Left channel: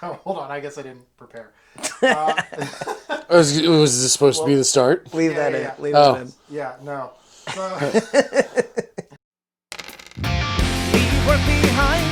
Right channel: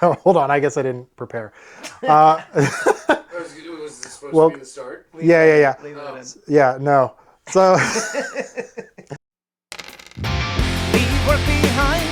Hold on, I guess I didn't prepare. Uh, Was this supposed to be the start? Leave yeah, that yeah, in. yeah. Leave Oh. that in. Yeah, no. So Leave work behind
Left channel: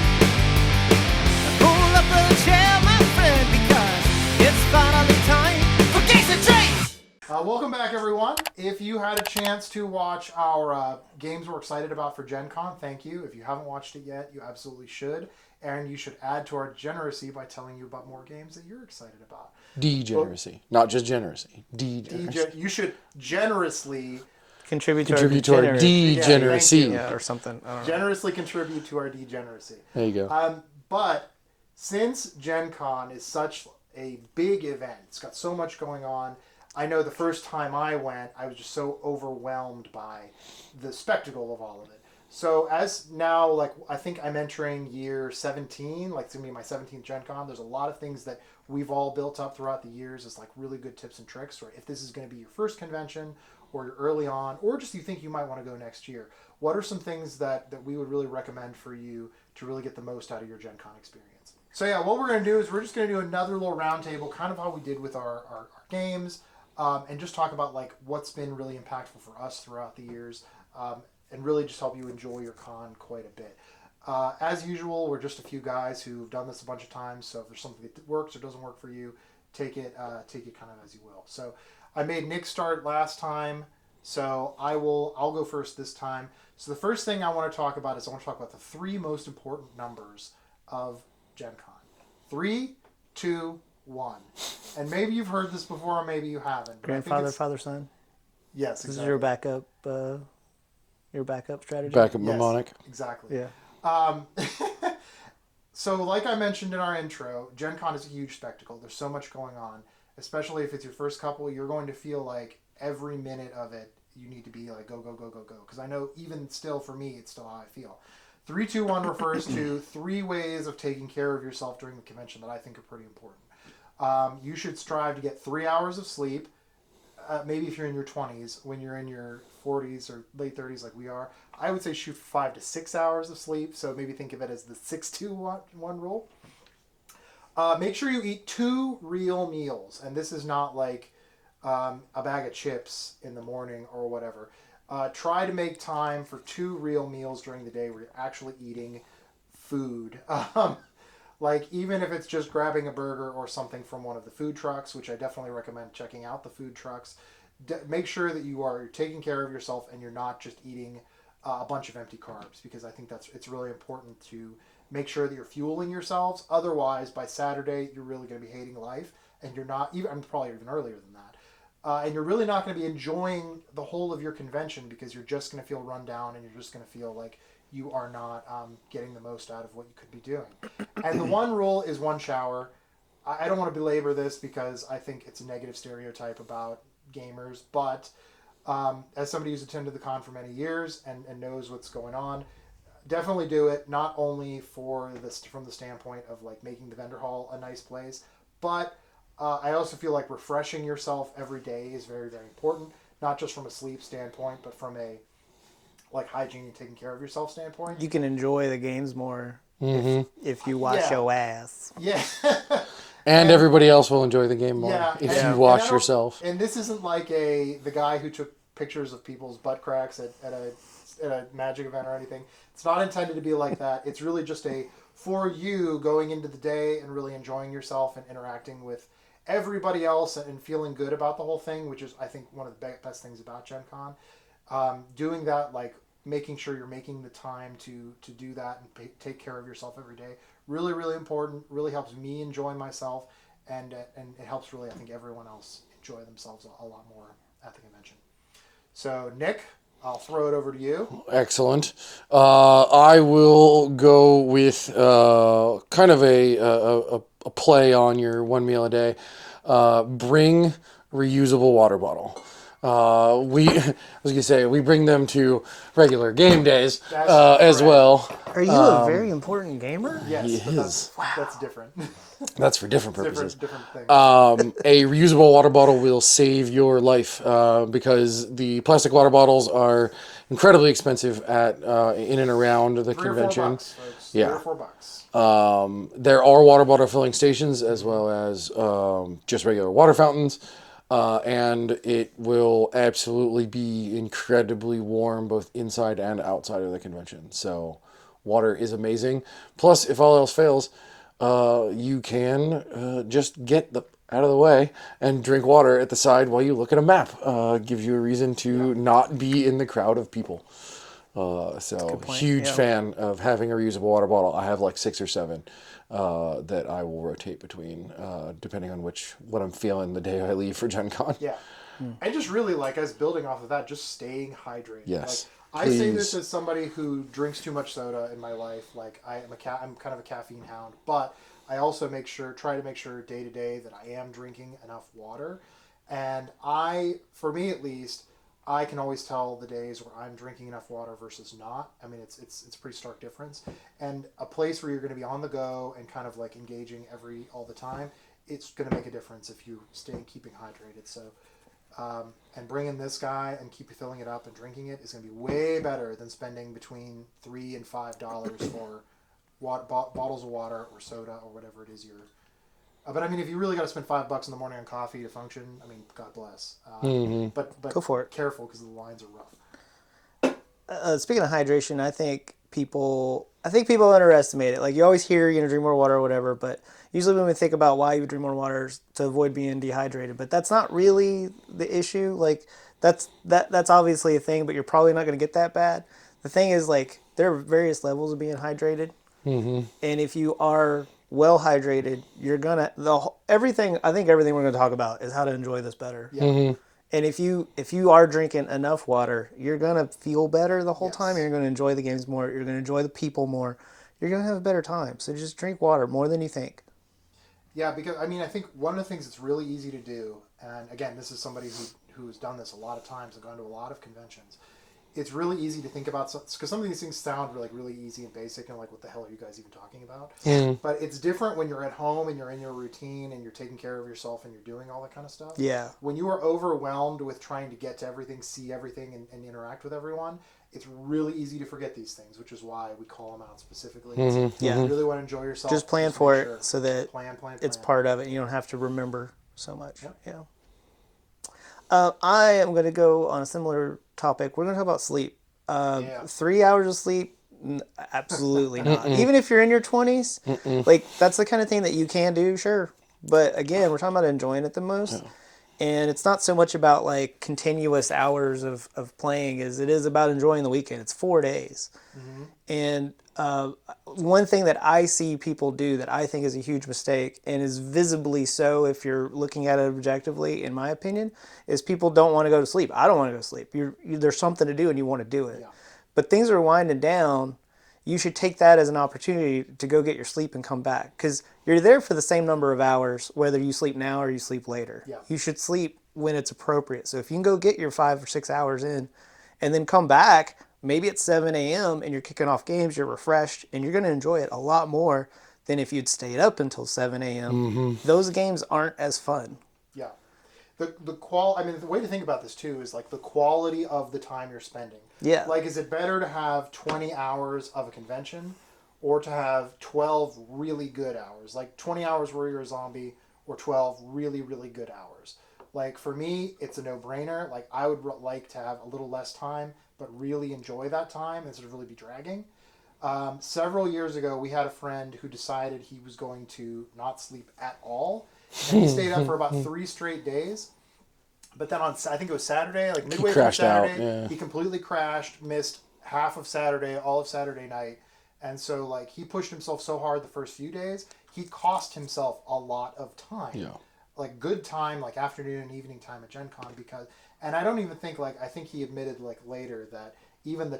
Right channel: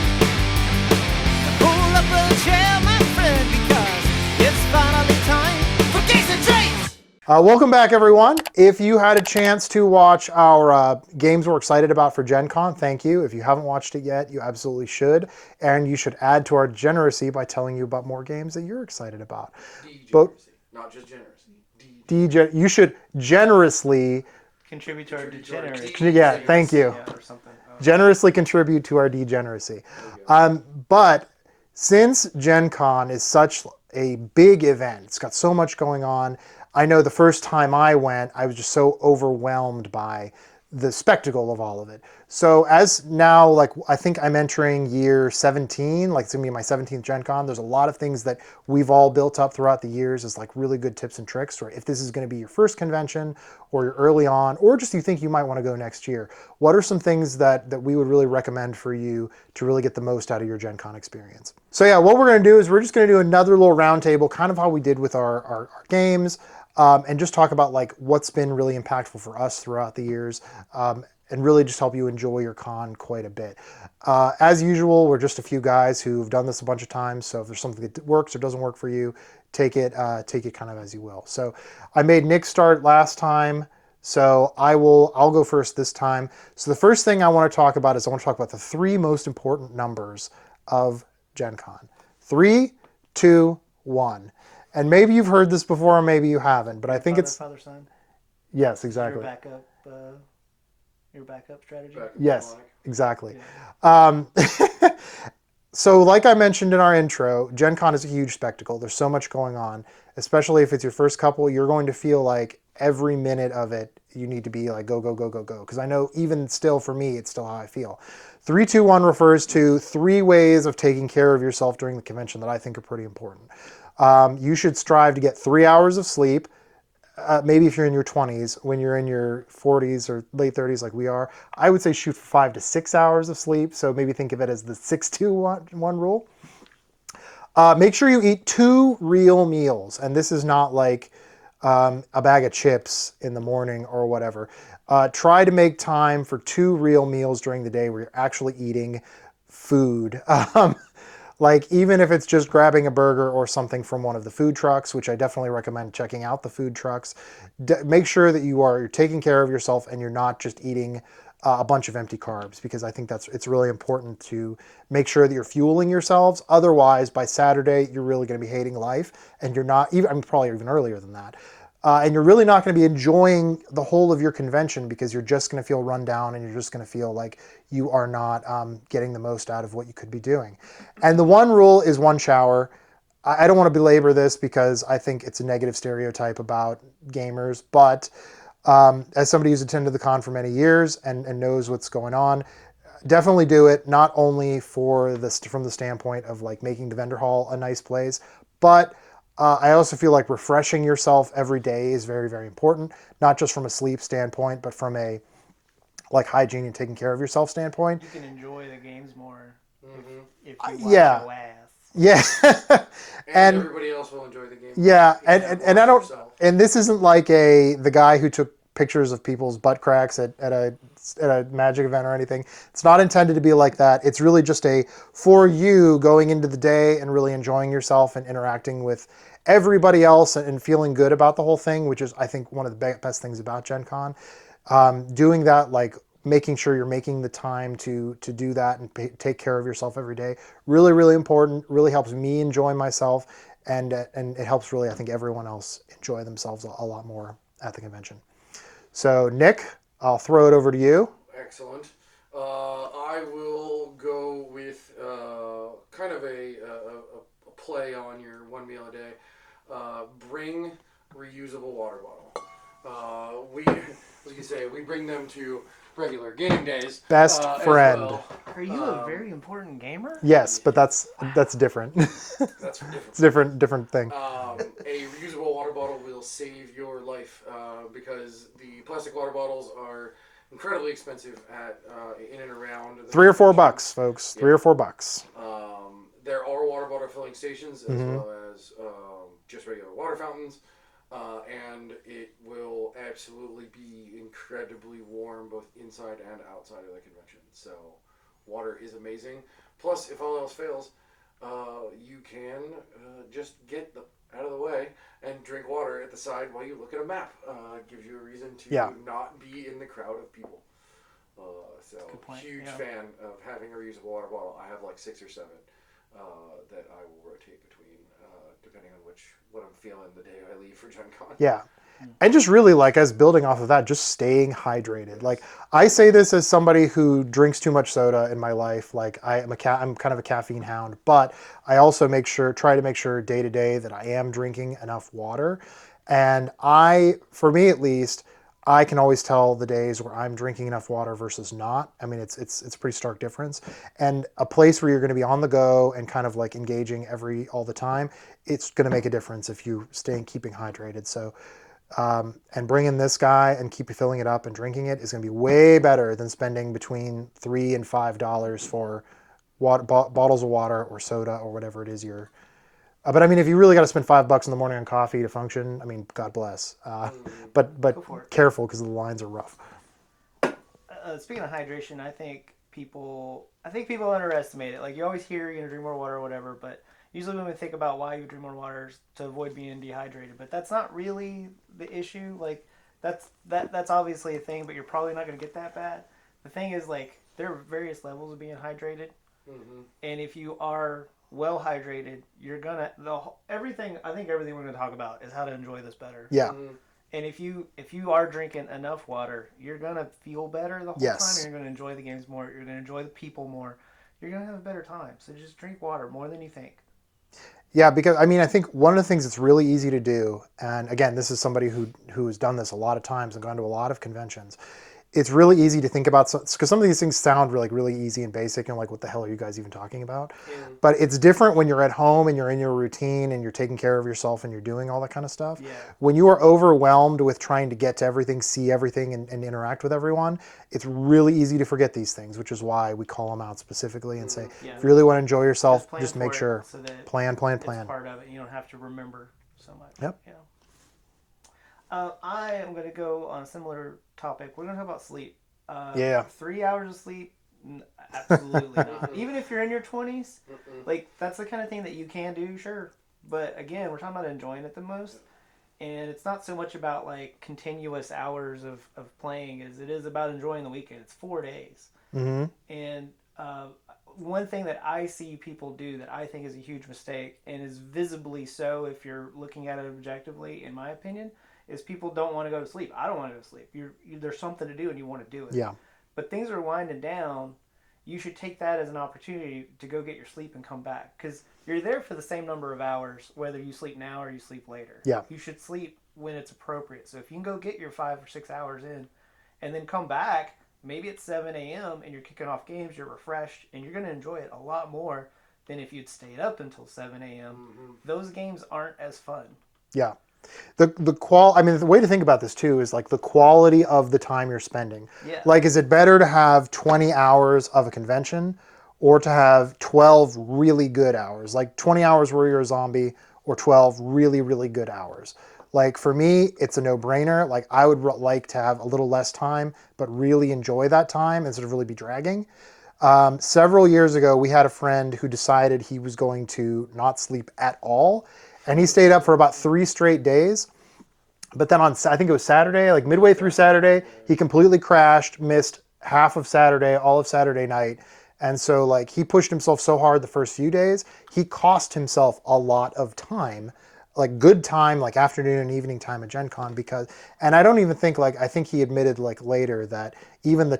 and pull up a chair, my friend, because it's finally time for Games and Traits! welcome back, everyone. If you had a chance to watch our games we're excited about for Gen Con, thank you. If you haven't watched it yet, you absolutely should. And you should add to our degeneracy by telling you about more games that you're excited about. Degeneracy. Not just generacy. Degeneracy. You should generously, Contribute to Contribute to our degenerate. yeah, thank degeneracy. you. Yeah, or something. I don't know. Generously contribute to our degeneracy. There you go. But since Gen Con is such a big event, it's got so much going on. I know the first time I went, I was just so overwhelmed by the spectacle of all of it. So as now, like, I think I'm entering year 17, like it's gonna be my 17th Gen Con. There's a lot of things that we've all built up throughout the years as like really good tips and tricks, or if this is gonna be your first convention or you're early on, or just you think you might wanna go next year. What are some things that we would really recommend for you to really get the most out of your Gen Con experience? So yeah, what we're gonna do is we're just gonna do another little roundtable, kind of how we did with our games, and just talk about like what's been really impactful for us throughout the years, and really just help you enjoy your con quite a bit. As usual, we're just a few guys who've done this a bunch of times, so if there's something that works or doesn't work for you, take it kind of as you will. So I made Nick start last time, so I'll go first this time. So the first thing I want to talk about is I want to talk about the three most important numbers of Gen Con. 3, 2, 1. And maybe you've heard this before, or maybe you haven't, but I think it's father, son. yes, This is exactly. your backup strategy. Backup Yes, mnemonic. exactly. Yeah. So like I mentioned in our intro, Gen Con is a huge spectacle. There's so much going on, especially if it's your first couple, you're going to feel like every minute of it, you need to be like, go, go, go, go, go. Because I know even still for me, it's still how I feel. 3, 2, 1 refers to 3 ways of taking care of yourself during the convention that I think are pretty important. You should strive to get 3 hours of sleep. Maybe if you're in your 20s, when you're in your 40s or late 30s like we are, I would say shoot for 5 to 6 hours of sleep. So maybe think of it as the 6-2-1 rule. Make sure you eat 2 real meals. And this is not like a bag of chips in the morning or whatever. Try to make time for 2 real meals during the day where you're actually eating food. Like even if it's just grabbing a burger or something from one of the food trucks, which I definitely recommend checking out the food trucks. Make sure that you're taking care of yourself and you're not just eating a bunch of empty carbs, because I think it's really important to make sure that you're fueling yourselves. Otherwise, by Saturday, you're really going to be hating life, and you're not even. I'm probably even earlier than that. And you're really not going to be enjoying the whole of your convention because you're just going to feel run down and you're just going to feel like you are not getting the most out of what you could be doing. And the one rule is 1 shower. I don't want to belabor this because I think it's a negative stereotype about gamers, but as somebody who's attended the con for many years and knows what's going on, definitely do it, not only for this from the standpoint of like making the vendor hall a nice place, but I also feel like refreshing yourself every day is very, very important, not just from a sleep standpoint, but from a like hygiene and taking care of yourself standpoint. You can enjoy the games more if you wash Yeah. your ass. Yeah. And everybody else will enjoy the game more Yeah, if you wash yourself. And this isn't like the guy who took pictures of people's butt cracks at a Magic event or anything. It's not intended to be like that. It's really just for you going into the day and really enjoying yourself and interacting with everybody else and feeling good about the whole thing, which is I think one of the best things about Gen Con. Doing that, like making sure you're making the time to do that and take care of yourself every day, really, really important. Really helps me enjoy myself, and it helps really I think everyone else enjoy themselves a lot more at the convention. So Nick, I'll throw it over to you. Excellent. I will go with kind of a play on your 1 meal a day. Bring reusable water bottle. I was gonna say we bring them to regular game days Best as friend. well. Are you a very important gamer? Yes, He but is. that's different. That's for different It's purposes. different thing. A reusable water bottle will save your life because the plastic water bottles are incredibly expensive at in and around the $3 or $4, convention. folks. Yeah. $3 or $4. There are water bottle filling stations as well as just regular water fountains. And it will absolutely be incredibly warm both inside and outside of the convention. So water is amazing. Plus, if all else fails, you can just get out of the way and drink water at the side while you look at a map. Gives you a reason to not be in the crowd of people. So huge fan of having a reusable water bottle. I have like 6 or 7 that I will rotate between depending on what I'm feeling the day I leave for Gen Con. Yeah. And just really like as building off of that, just staying hydrated. Yes, like I say this please. as somebody who drinks too much soda in my life. Like I'm kind of a caffeine hound, but I also try to make sure day to day that I am drinking enough water. And for me at least, I can always tell the days where I'm drinking enough water versus not. I mean, it's a pretty stark difference. And a place where you're going to be on the go and kind of like engaging all the time, it's going to make a difference if you keeping hydrated. So, and bringing this guy and keep filling it up and drinking it is going to be way better than spending between $3 and $5 for bottles of water or soda or whatever it is you're. But I mean, if you really got to spend $5 in the morning on coffee to function, I mean, God bless. But Go for it. Careful because the lines are rough. Speaking of hydration, I think people underestimate it. Like you always hear, drink more water or whatever, but usually when we think about why you would drink more water is to avoid being dehydrated. But that's not really the issue. Like that's obviously a thing, but you're probably not going to get that bad. The thing is, like, there are various levels of being hydrated, and if you are well hydrated, you're gonna everything. I think everything we're going to talk about is how to enjoy this better. Yeah. And if you are drinking enough water, you're gonna feel better the whole Yes. time. You're gonna enjoy the games more. You're gonna enjoy the people more. You're gonna have a better time. So just drink water more than you think. Yeah, because I mean, I think one of the things that's really easy to do, and again, this is somebody who has done this a lot of times and gone to a lot of conventions. It's really easy to think about because some of these things sound really easy and basic and like, what the hell are you guys even talking about? But it's different when you're at home and you're in your routine and you're taking care of yourself and you're doing all that kind of stuff. Yeah. When you are overwhelmed with trying to get to everything, see everything, and interact with everyone, it's really easy to forget these things, which is why we call them out specifically and say, Yeah. if you really want to enjoy yourself, Just plan make for it sure. so that Plan. it's part of it. You don't have to remember so much. Yep. Yeah. I am going to go on a similar topic. We're going to talk about sleep. 3 hours of sleep, absolutely not. Even if you're in your 20s, like that's the kind of thing that you can do, sure. But again, we're talking about enjoying it the most. And it's not so much about like continuous hours of playing as it is about enjoying the weekend. It's 4 days. And one thing that I see people do that I think is a huge mistake and is visibly so if you're looking at it objectively, in my opinion, is people don't want to go to sleep. I don't want to go to sleep. There's something to do and you want to do it. Yeah. But things are winding down. You should take that as an opportunity to go get your sleep and come back because you're there for the same number of hours, whether you sleep now or you sleep later. Yeah. You should sleep when it's appropriate. So if you can go get your 5 or 6 hours in and then come back, maybe it's 7 a.m. and you're kicking off games, you're refreshed, and you're going to enjoy it a lot more than if you'd stayed up until 7 a.m. Those games aren't as fun. Yeah. The way to think about this too is like the quality of the time you're spending. Yeah. Like, is it better to have 20 hours of a convention or to have 12 really good hours? Like 20 hours where you're a zombie or 12 really, really good hours. Like for me, it's a no-brainer. Like I would like to have a little less time, but really enjoy that time instead of really be dragging. Several years ago, we had a friend who decided he was going to not sleep at all. And he stayed up for about 3 straight days. But then I think it was Saturday, like midway through Saturday, he completely crashed, missed half of Saturday, all of Saturday night. And so like he pushed himself so hard the first few days, he cost himself a lot of time. Like good time, like afternoon and evening time at Gen Con and I don't even think I think he admitted like later that even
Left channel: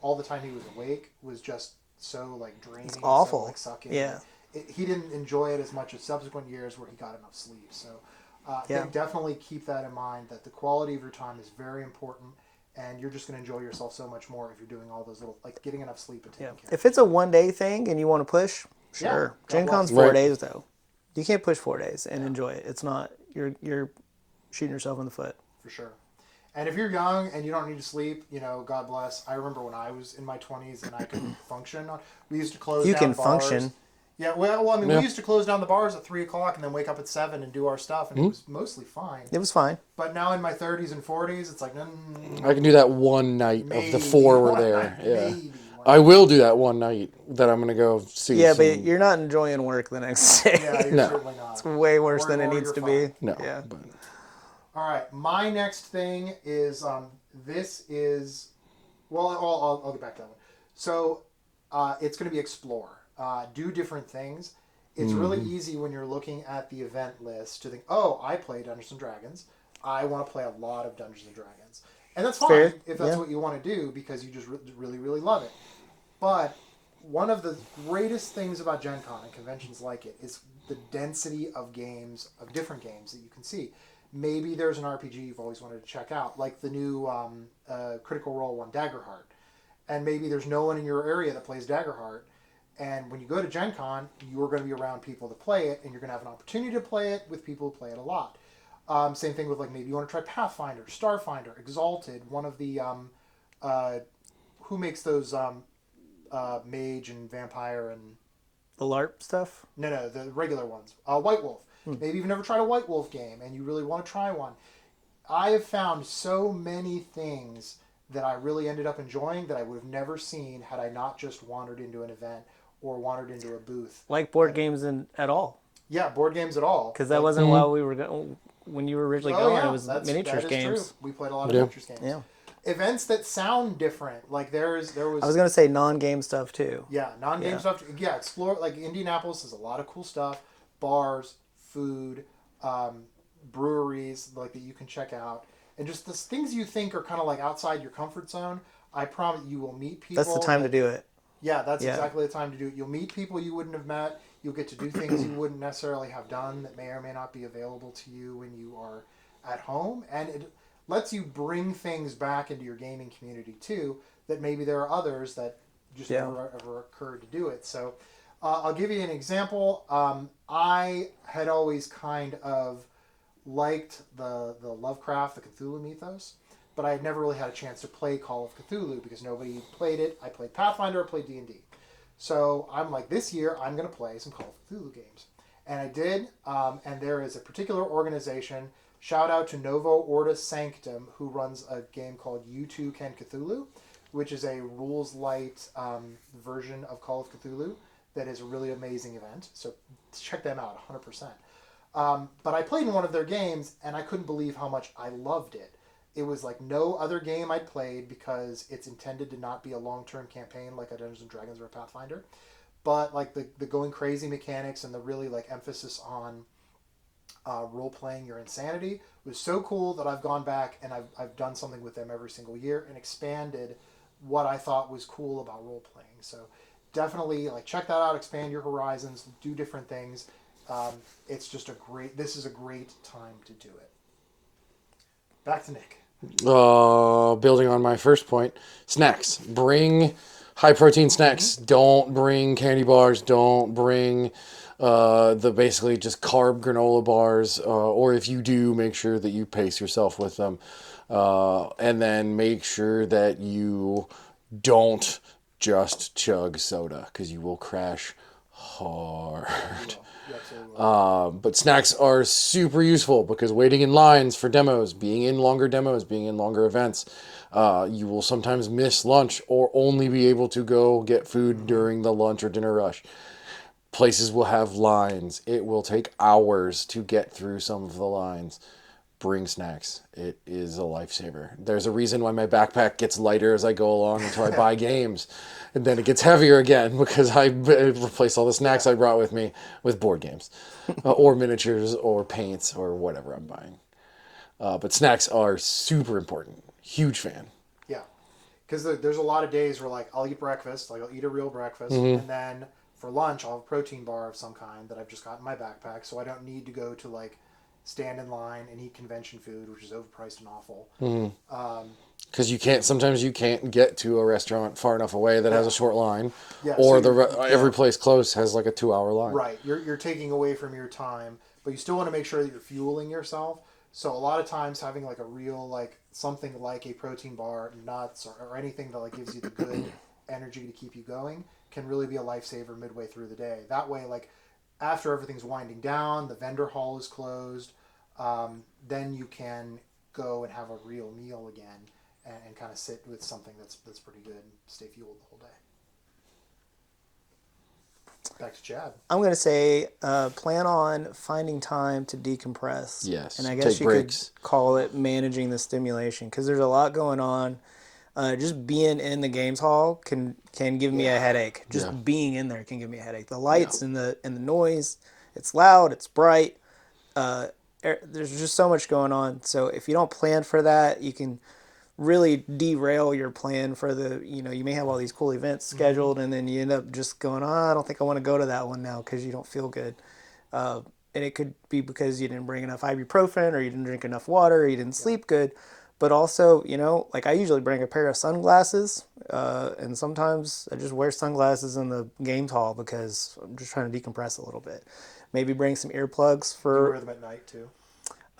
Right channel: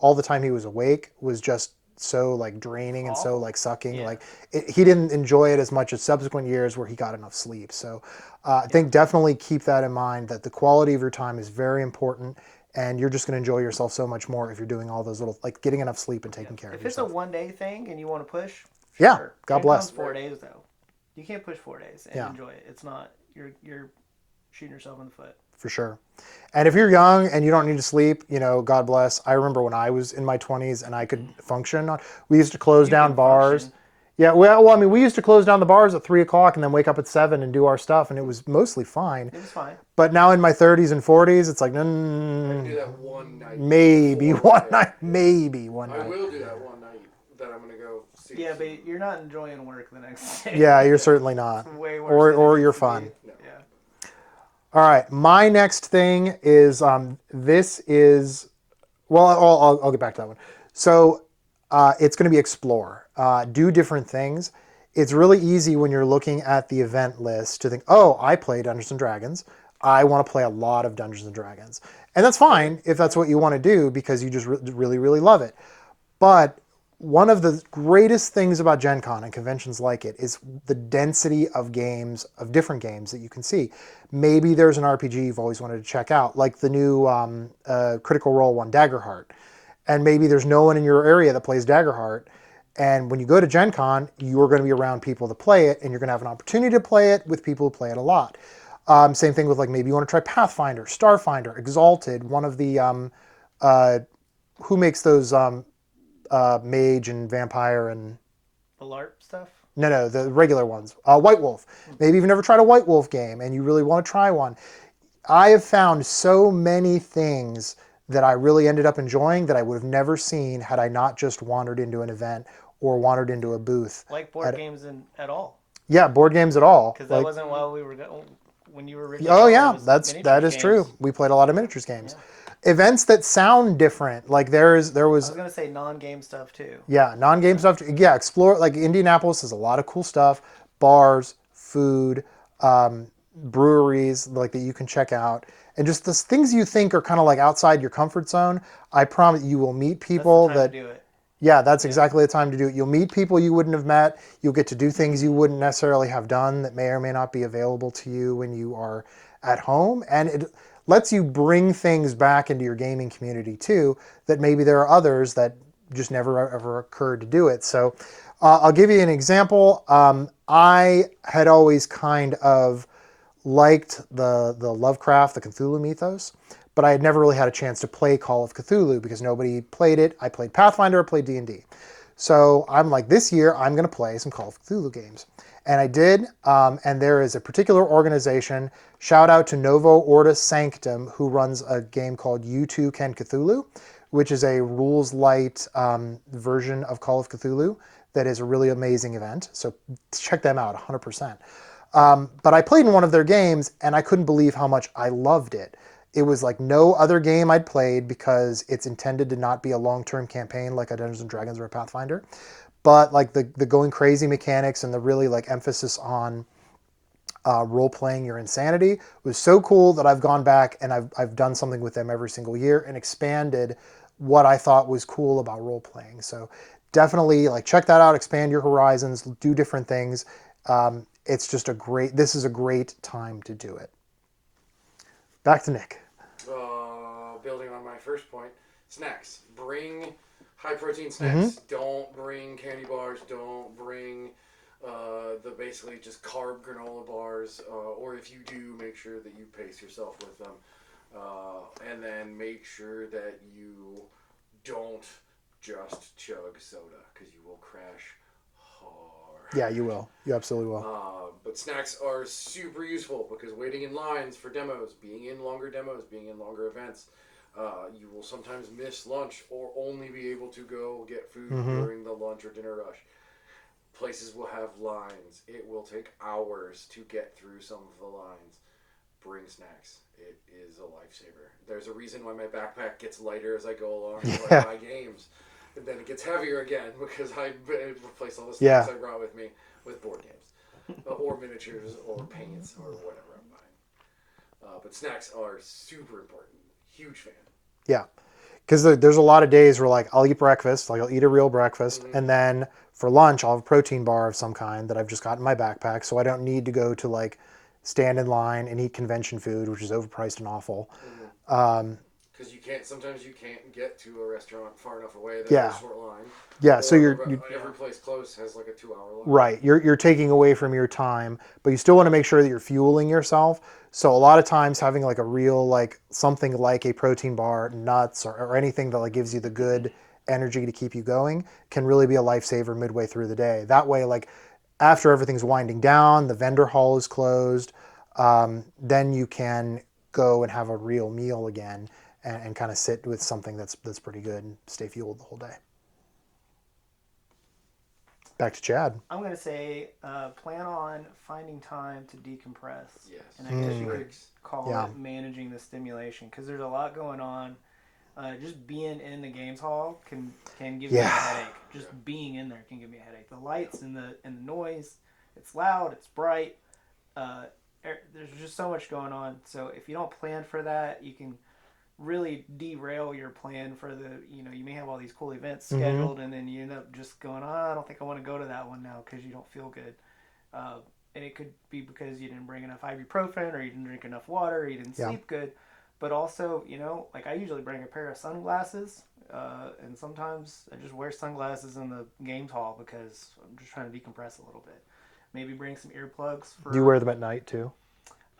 all the time he was awake was just so like draining and so like sucking. Yeah. Like he didn't enjoy it as much as subsequent years where he got enough sleep. So I think definitely keep that in mind, that the quality of your time is very important, and you're just going to enjoy yourself so much more if you're doing all those little, like getting enough sleep and taking care of If it's a yourself. 1 day thing and you want to push, Yeah, sure. God Gen bless. Con's 4 Right. days though. You can't push 4 days and Yeah. enjoy it. It's not you're shooting yourself in the foot. For sure. And if you're young and you don't need to sleep, God bless. I remember when I was in my 20s and I could function. We used to close You down can bars. function. Yeah, well, I mean, we used to close down the bars at 3 o'clock and then wake up at 7 and do our stuff, and it was mostly fine. It was fine. But now in my 30s and 40s, it's like, no, I can do that one night. maybe of the 4 were one there. night, Yeah. maybe one I night. will do that one night that I'm gonna go see. Yeah, some- but you're not enjoying work the next day. Yeah, you're certainly not. It's way worse than it or needs you're to fine. be. no. Yeah. But All right, my next thing is this is, well, I'll get back to that one. So it's going to be explore, do different things. It's really easy when you're looking at the event list to think, oh, I play Dungeons and Dragons. I want to play a lot of Dungeons and Dragons, and that's fine if that's what you want to do because you just really really love it. But one of the greatest things about Gen Con and conventions like it is the density of games, of different games that you can see. Maybe there's an RPG you've always wanted to check out, like the new Critical Role one, Daggerheart. And maybe there's no one in your area that plays Daggerheart. And when you go to Gen Con, you're going to be around people that play it, and you're going to have an opportunity to play it with people who play it a lot. Same thing with, like, maybe you want to try Pathfinder, Starfinder, Exalted, one of the, who makes those mage and vampire and... The LARP stuff? No, the regular ones. White Wolf. Maybe you've never tried a White Wolf game and you really want to try one. I have found so many things that I really ended up enjoying that I would have never seen had I not just wandered into an event or wandered into a booth. Like board games at all. Yeah, board games at all. Because that wasn't while we were when you were originally Oh going, yeah, it was that miniatures is games. true. We played a lot of miniatures games. Yeah. Events that sound different, like there was I was gonna say non-game stuff too. yeah, non-game stuff. Yeah, explore, like Indianapolis has a lot of cool stuff, bars, food, breweries like that you can check out, and just the things you think are kind of like outside your comfort zone. I promise you will meet That's people the time that to do it. yeah, that's exactly the time to do it. You'll meet people you wouldn't have met. You'll get to do things you wouldn't necessarily have done that may or may not be available to you when you are at home. And it lets you bring things back into your gaming community too, that maybe there are others that just never ever occurred to do it. So I'll give you an example. I had always kind of liked the Lovecraft, the Cthulhu mythos, but I had never really had a chance to play Call of Cthulhu because nobody played it. I played Pathfinder, I played D&D. So I'm like, this year I'm going to play some Call of Cthulhu games. And I did, and there is a particular organization, shout out to Novo Ordo Sanctum, who runs a game called You Too Can Cthulhu, which is a rules light version of Call of Cthulhu that is a really amazing event. So check them out, 100%. But I played in one of their games, and I couldn't believe how much I loved it. It was like no other game I'd played because it's intended to not be a long-term campaign like a Dungeons & Dragons or a Pathfinder. But like the going crazy mechanics and the really like emphasis on role-playing your insanity was so cool that I've gone back and I've done something with them every single year and expanded what I thought was cool about role-playing. So definitely like check that out, expand your horizons, do different things. It's just this is a great time to do it. Back to Nick. Building on my first point, snacks. Bring high protein snacks. Don't bring candy bars. Don't bring the basically just carb granola bars. Or if you do, make sure that you pace yourself with them. And then make sure that you don't just chug soda because you will crash hard. Yeah, you will. You absolutely will. But snacks are super useful because waiting in lines for demos, being in longer events, you will sometimes miss lunch or only be able to go get food during the lunch or dinner rush. Places will have lines. It will take hours to get through some of the lines. Bring snacks. It is a lifesaver. There's a reason why my backpack gets lighter as I go along until I buy games. And then it gets heavier again because I replace all the snacks I brought with me with board games or miniatures or paints or whatever I'm buying. But snacks are super important. Huge fan. Yeah. Because there's a lot of days where like I'll eat breakfast, like I'll eat a real breakfast, and then for lunch I'll have a protein bar of some kind that I've just got in my backpack, so I don't need to go to like stand in line and eat convention food, which is overpriced and awful. Because sometimes you can't get to a restaurant far enough away that Yeah. has a short line. Yeah, so Every place close has like a 2-hour line. Right. You're taking away from your time, but you still want to make sure that you're fueling yourself. So a lot of times having like a real, like something like a protein bar, nuts, or anything that like gives you the good energy to keep you going can really be a lifesaver midway through the day. That way, like after everything's winding down, the vendor hall is closed, then you can go and have a real meal again and kind of sit with something that's pretty good and stay fueled the whole day. Back to Chad. I'm going to say plan on finding time to decompress. Yes. And I guess Take you breaks. could call it managing the stimulation because there's a lot going on. Just being in the games hall can give me a headache. Just being in there can give me a headache. The lights and the noise, it's loud, it's bright. There's just so much going on. So if you don't plan for that, you can really derail your plan for you may have all these cool events scheduled and then you end up just going, I don't think I want to go to that one now because you don't feel good. And it could be because you didn't bring enough ibuprofen or you didn't drink enough water or you didn't sleep good. But also, like I usually bring a pair of sunglasses and sometimes I just wear sunglasses in the games hall because I'm just trying to decompress a little bit. Maybe bring some earplugs for... Do you wear them at night too?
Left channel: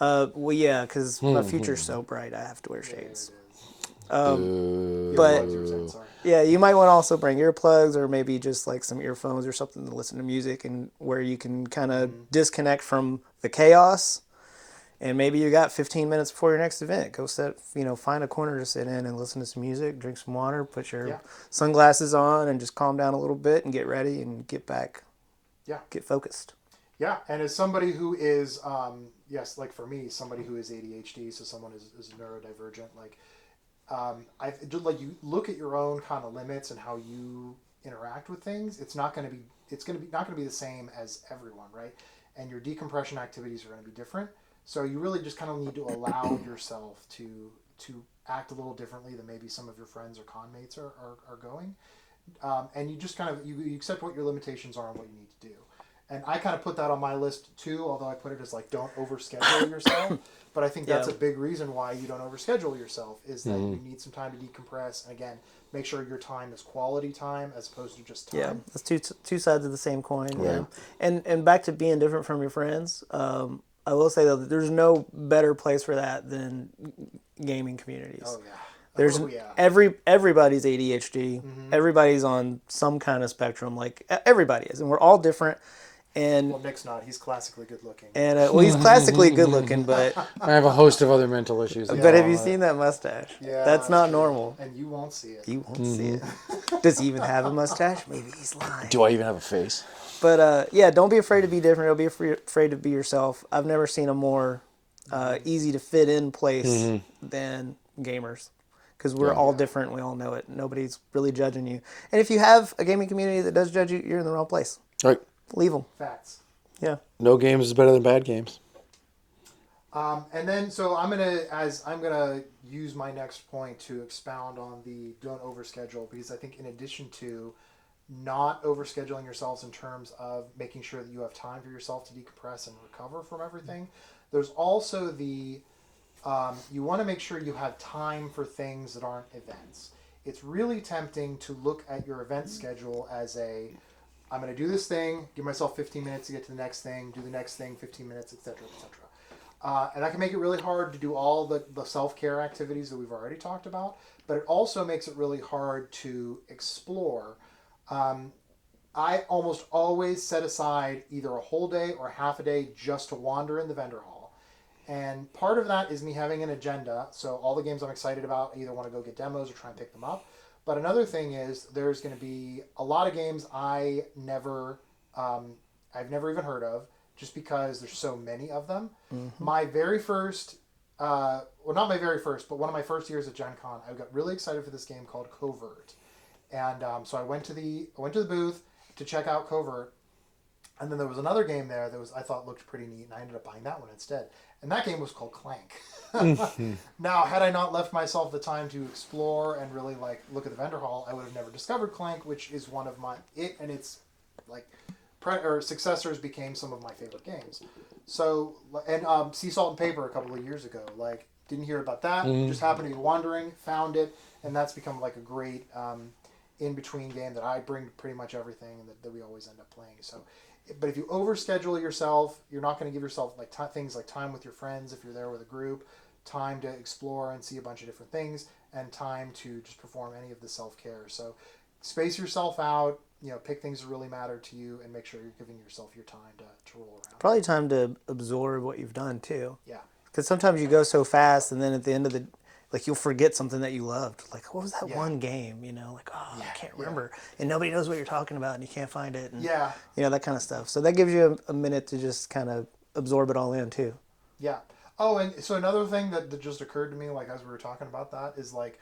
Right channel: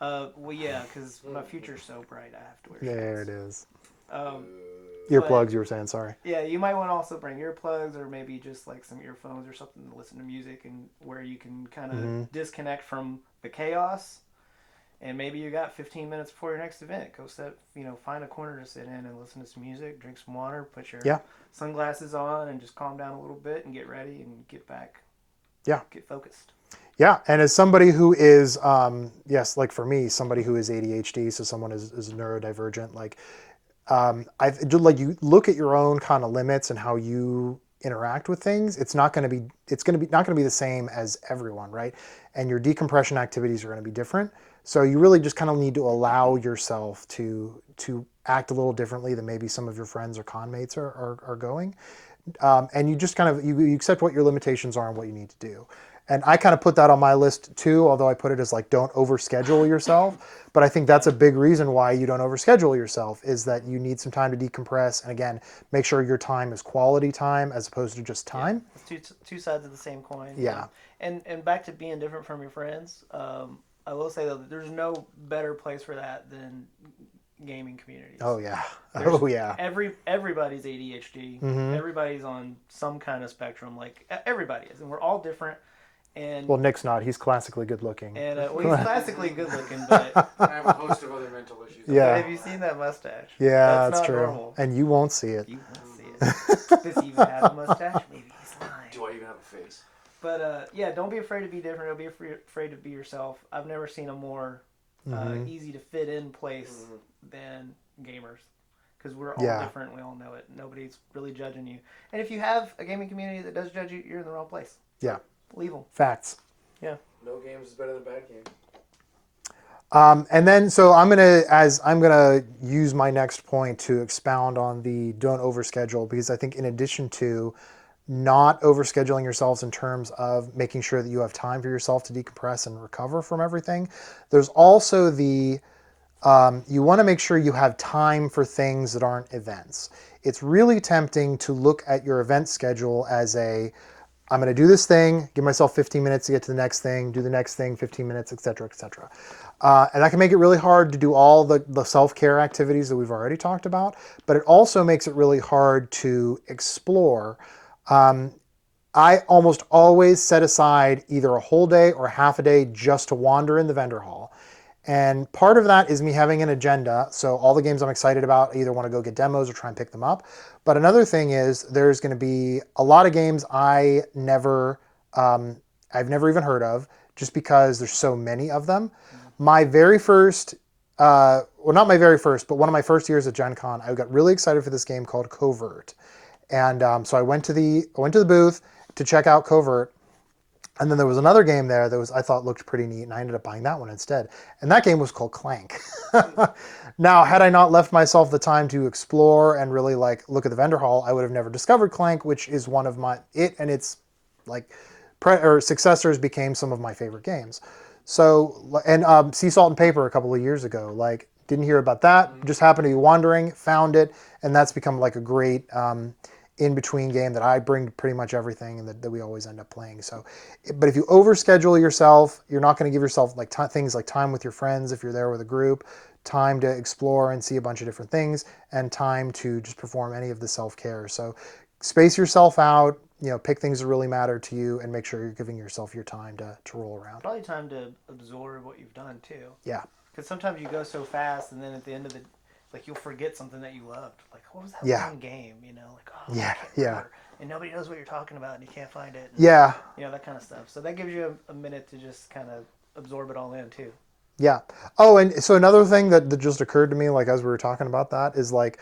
Well, yeah, because my future's so bright, I have to wear shades. There it is. Earplugs, Earplugs, you were saying, sorry. Yeah, you might want to also bring earplugs or maybe just like some earphones or something to listen to music and where you can kind of disconnect from the chaos. And maybe you got 15 minutes before your next event. Go find a corner to sit in and listen to some music, drink some water, put your sunglasses on and just calm down a little bit and get ready and get back. Yeah. Get focused. Yeah, and as somebody who is, like for me, somebody who is ADHD, so someone is neurodivergent, you look at your own kind of limits and how you interact with things. It's not going to be the same as everyone, right? And your decompression activities are going to be different. So you really just kind of need to allow yourself to act a little differently than maybe some of your friends or conmates are going, and you just kind of you accept what your limitations are and what you need to do. And I kind of put that on my list too, although I put it as like, don't overschedule yourself. But I think that's a big reason why you don't overschedule yourself is that you need some time to decompress. And again, make sure your time is quality time as opposed to just time. Yeah, it's two sides of the same coin. Yeah. And back to being different from your friends, I will say though, that there's no better place for that than gaming communities. Oh yeah. Everybody's ADHD. Everybody's on some kind of spectrum. Like everybody is, and we're all different. And well, Nick's not. He's classically good looking. And he's classically good looking, but I have a host of other mental issues. But have you seen that mustache? Yeah, that's not true. Normal. And you won't see it. You won't see it. Does he even have a mustache? Maybe he's lying. Do I even have a face? But don't be afraid to be different. Don't be afraid to be yourself. I've never seen a more easy to fit in place than gamers. Because we're all different. We all know it. Nobody's really judging you. And if you have a gaming community that does judge you, you're in the wrong place. Right. Leave them. Facts. Yeah. No games is better than bad games. And then, so I'm gonna use my next point to expound on the don't overschedule, because I think in addition to not overscheduling yourselves in terms of making sure that you have time for yourself to decompress and recover from everything, there's also you want to make sure you have time for things that aren't events. It's really tempting to look at your event schedule as I'm going to do this thing, give myself 15 minutes to get to the next thing, do the next thing, 15 minutes, et cetera, et cetera. And that can make it really hard to do all the self-care activities that we've already talked about, but it also makes it really hard to explore. I almost always set aside either a whole day or half a day just to wander in the vendor hall. And part of that is me having an agenda. So all the games I'm excited about, I either want to go get demos or try and pick them up. But another thing is there's going to be a lot of games I've never even heard of, just because there's so many of them. My very first, not my very first, but one of my first years at Gencon, I got really excited for this game called Covert. And so I went to the booth to check out Covert. And then there was another game there that I thought looked pretty neat, and I ended up buying that one instead. And that game was called Clank. Now, had I not left myself the time to explore and really look at the vendor hall, I would have never discovered Clank, which is one of its successors became some of my favorite games. So, and Sea Salt and Paper a couple of years ago, like didn't hear about that, just happened to be wandering, found it, and that's become like a great in-between game that I bring to pretty much everything and that we always end up playing. So, but if you overschedule yourself, you're not going to give yourself like things like time with your friends if you're there with a group, time to explore and see a bunch of different things, and time to just perform any of the self-care. So space yourself out, pick things that really matter to you and make sure you're giving yourself your time to roll around. Probably time to absorb what you've done too. Yeah. Because sometimes you go so fast, and then at the end of the, like you'll forget something that you loved. Like, what was that one game? Like, oh, I can't remember. And nobody knows what you're talking about, and you can't find it. And, that kind of stuff. So that gives you a minute to just kind of absorb it all in too. Yeah. Oh, and so another thing that just occurred to me, like as we were talking about that, is like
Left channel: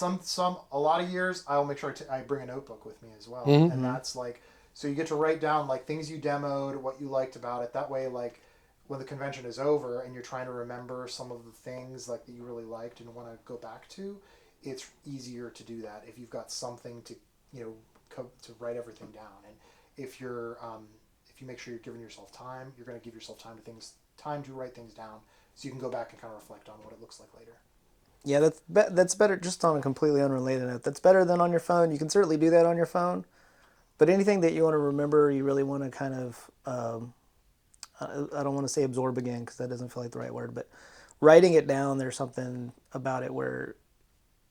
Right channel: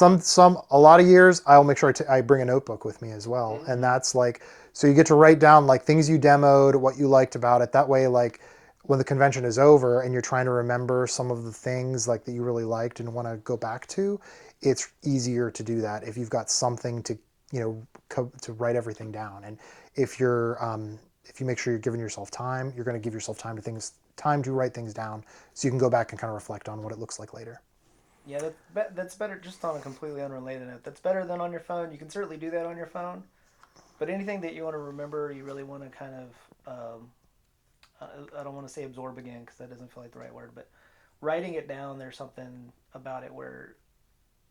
a lot of years I'll make sure I bring a notebook with me as well, and that's like so you get to write down like things you demoed, what you liked about it. That way, like when the convention is over and you're trying to remember some of the things like that you really liked and want to go back to, it's easier to do that if you've got something to to write everything down. And if you make sure you're giving yourself time, you're going to give yourself time to write things down so you can go back and kind of reflect on what it looks like later. Yeah, that's better. Just on a completely unrelated note, that's better than on your phone. You can certainly do that on your phone, but anything that you want to remember, you really want to kind of I don't want to say absorb again because that doesn't feel like the right word, but writing it down, there's something about it where,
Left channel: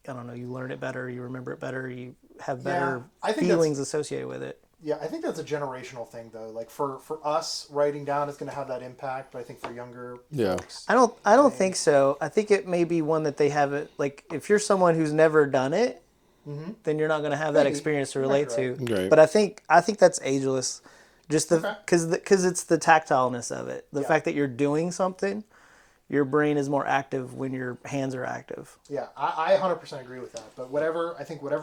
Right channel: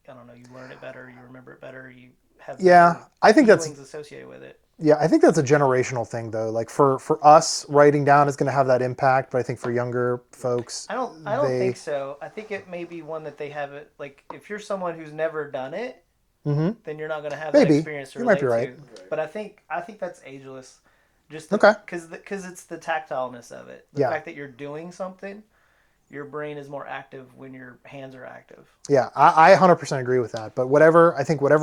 I don't know, you learn it better, you remember it better, you have better feelings associated with it. Yeah, I think that's a generational thing though. Like for us, writing down is going to have that impact, but I think for younger folks, I don't think so. I think it may be one that they have it, like if you're someone who's never done it, then you're not going to have that experience to relate to. Right. But I think that's ageless. Just because it's the tactileness of it. The fact that you're doing something, your brain is more active when your hands are active. Yeah, I 100% agree with that. But whatever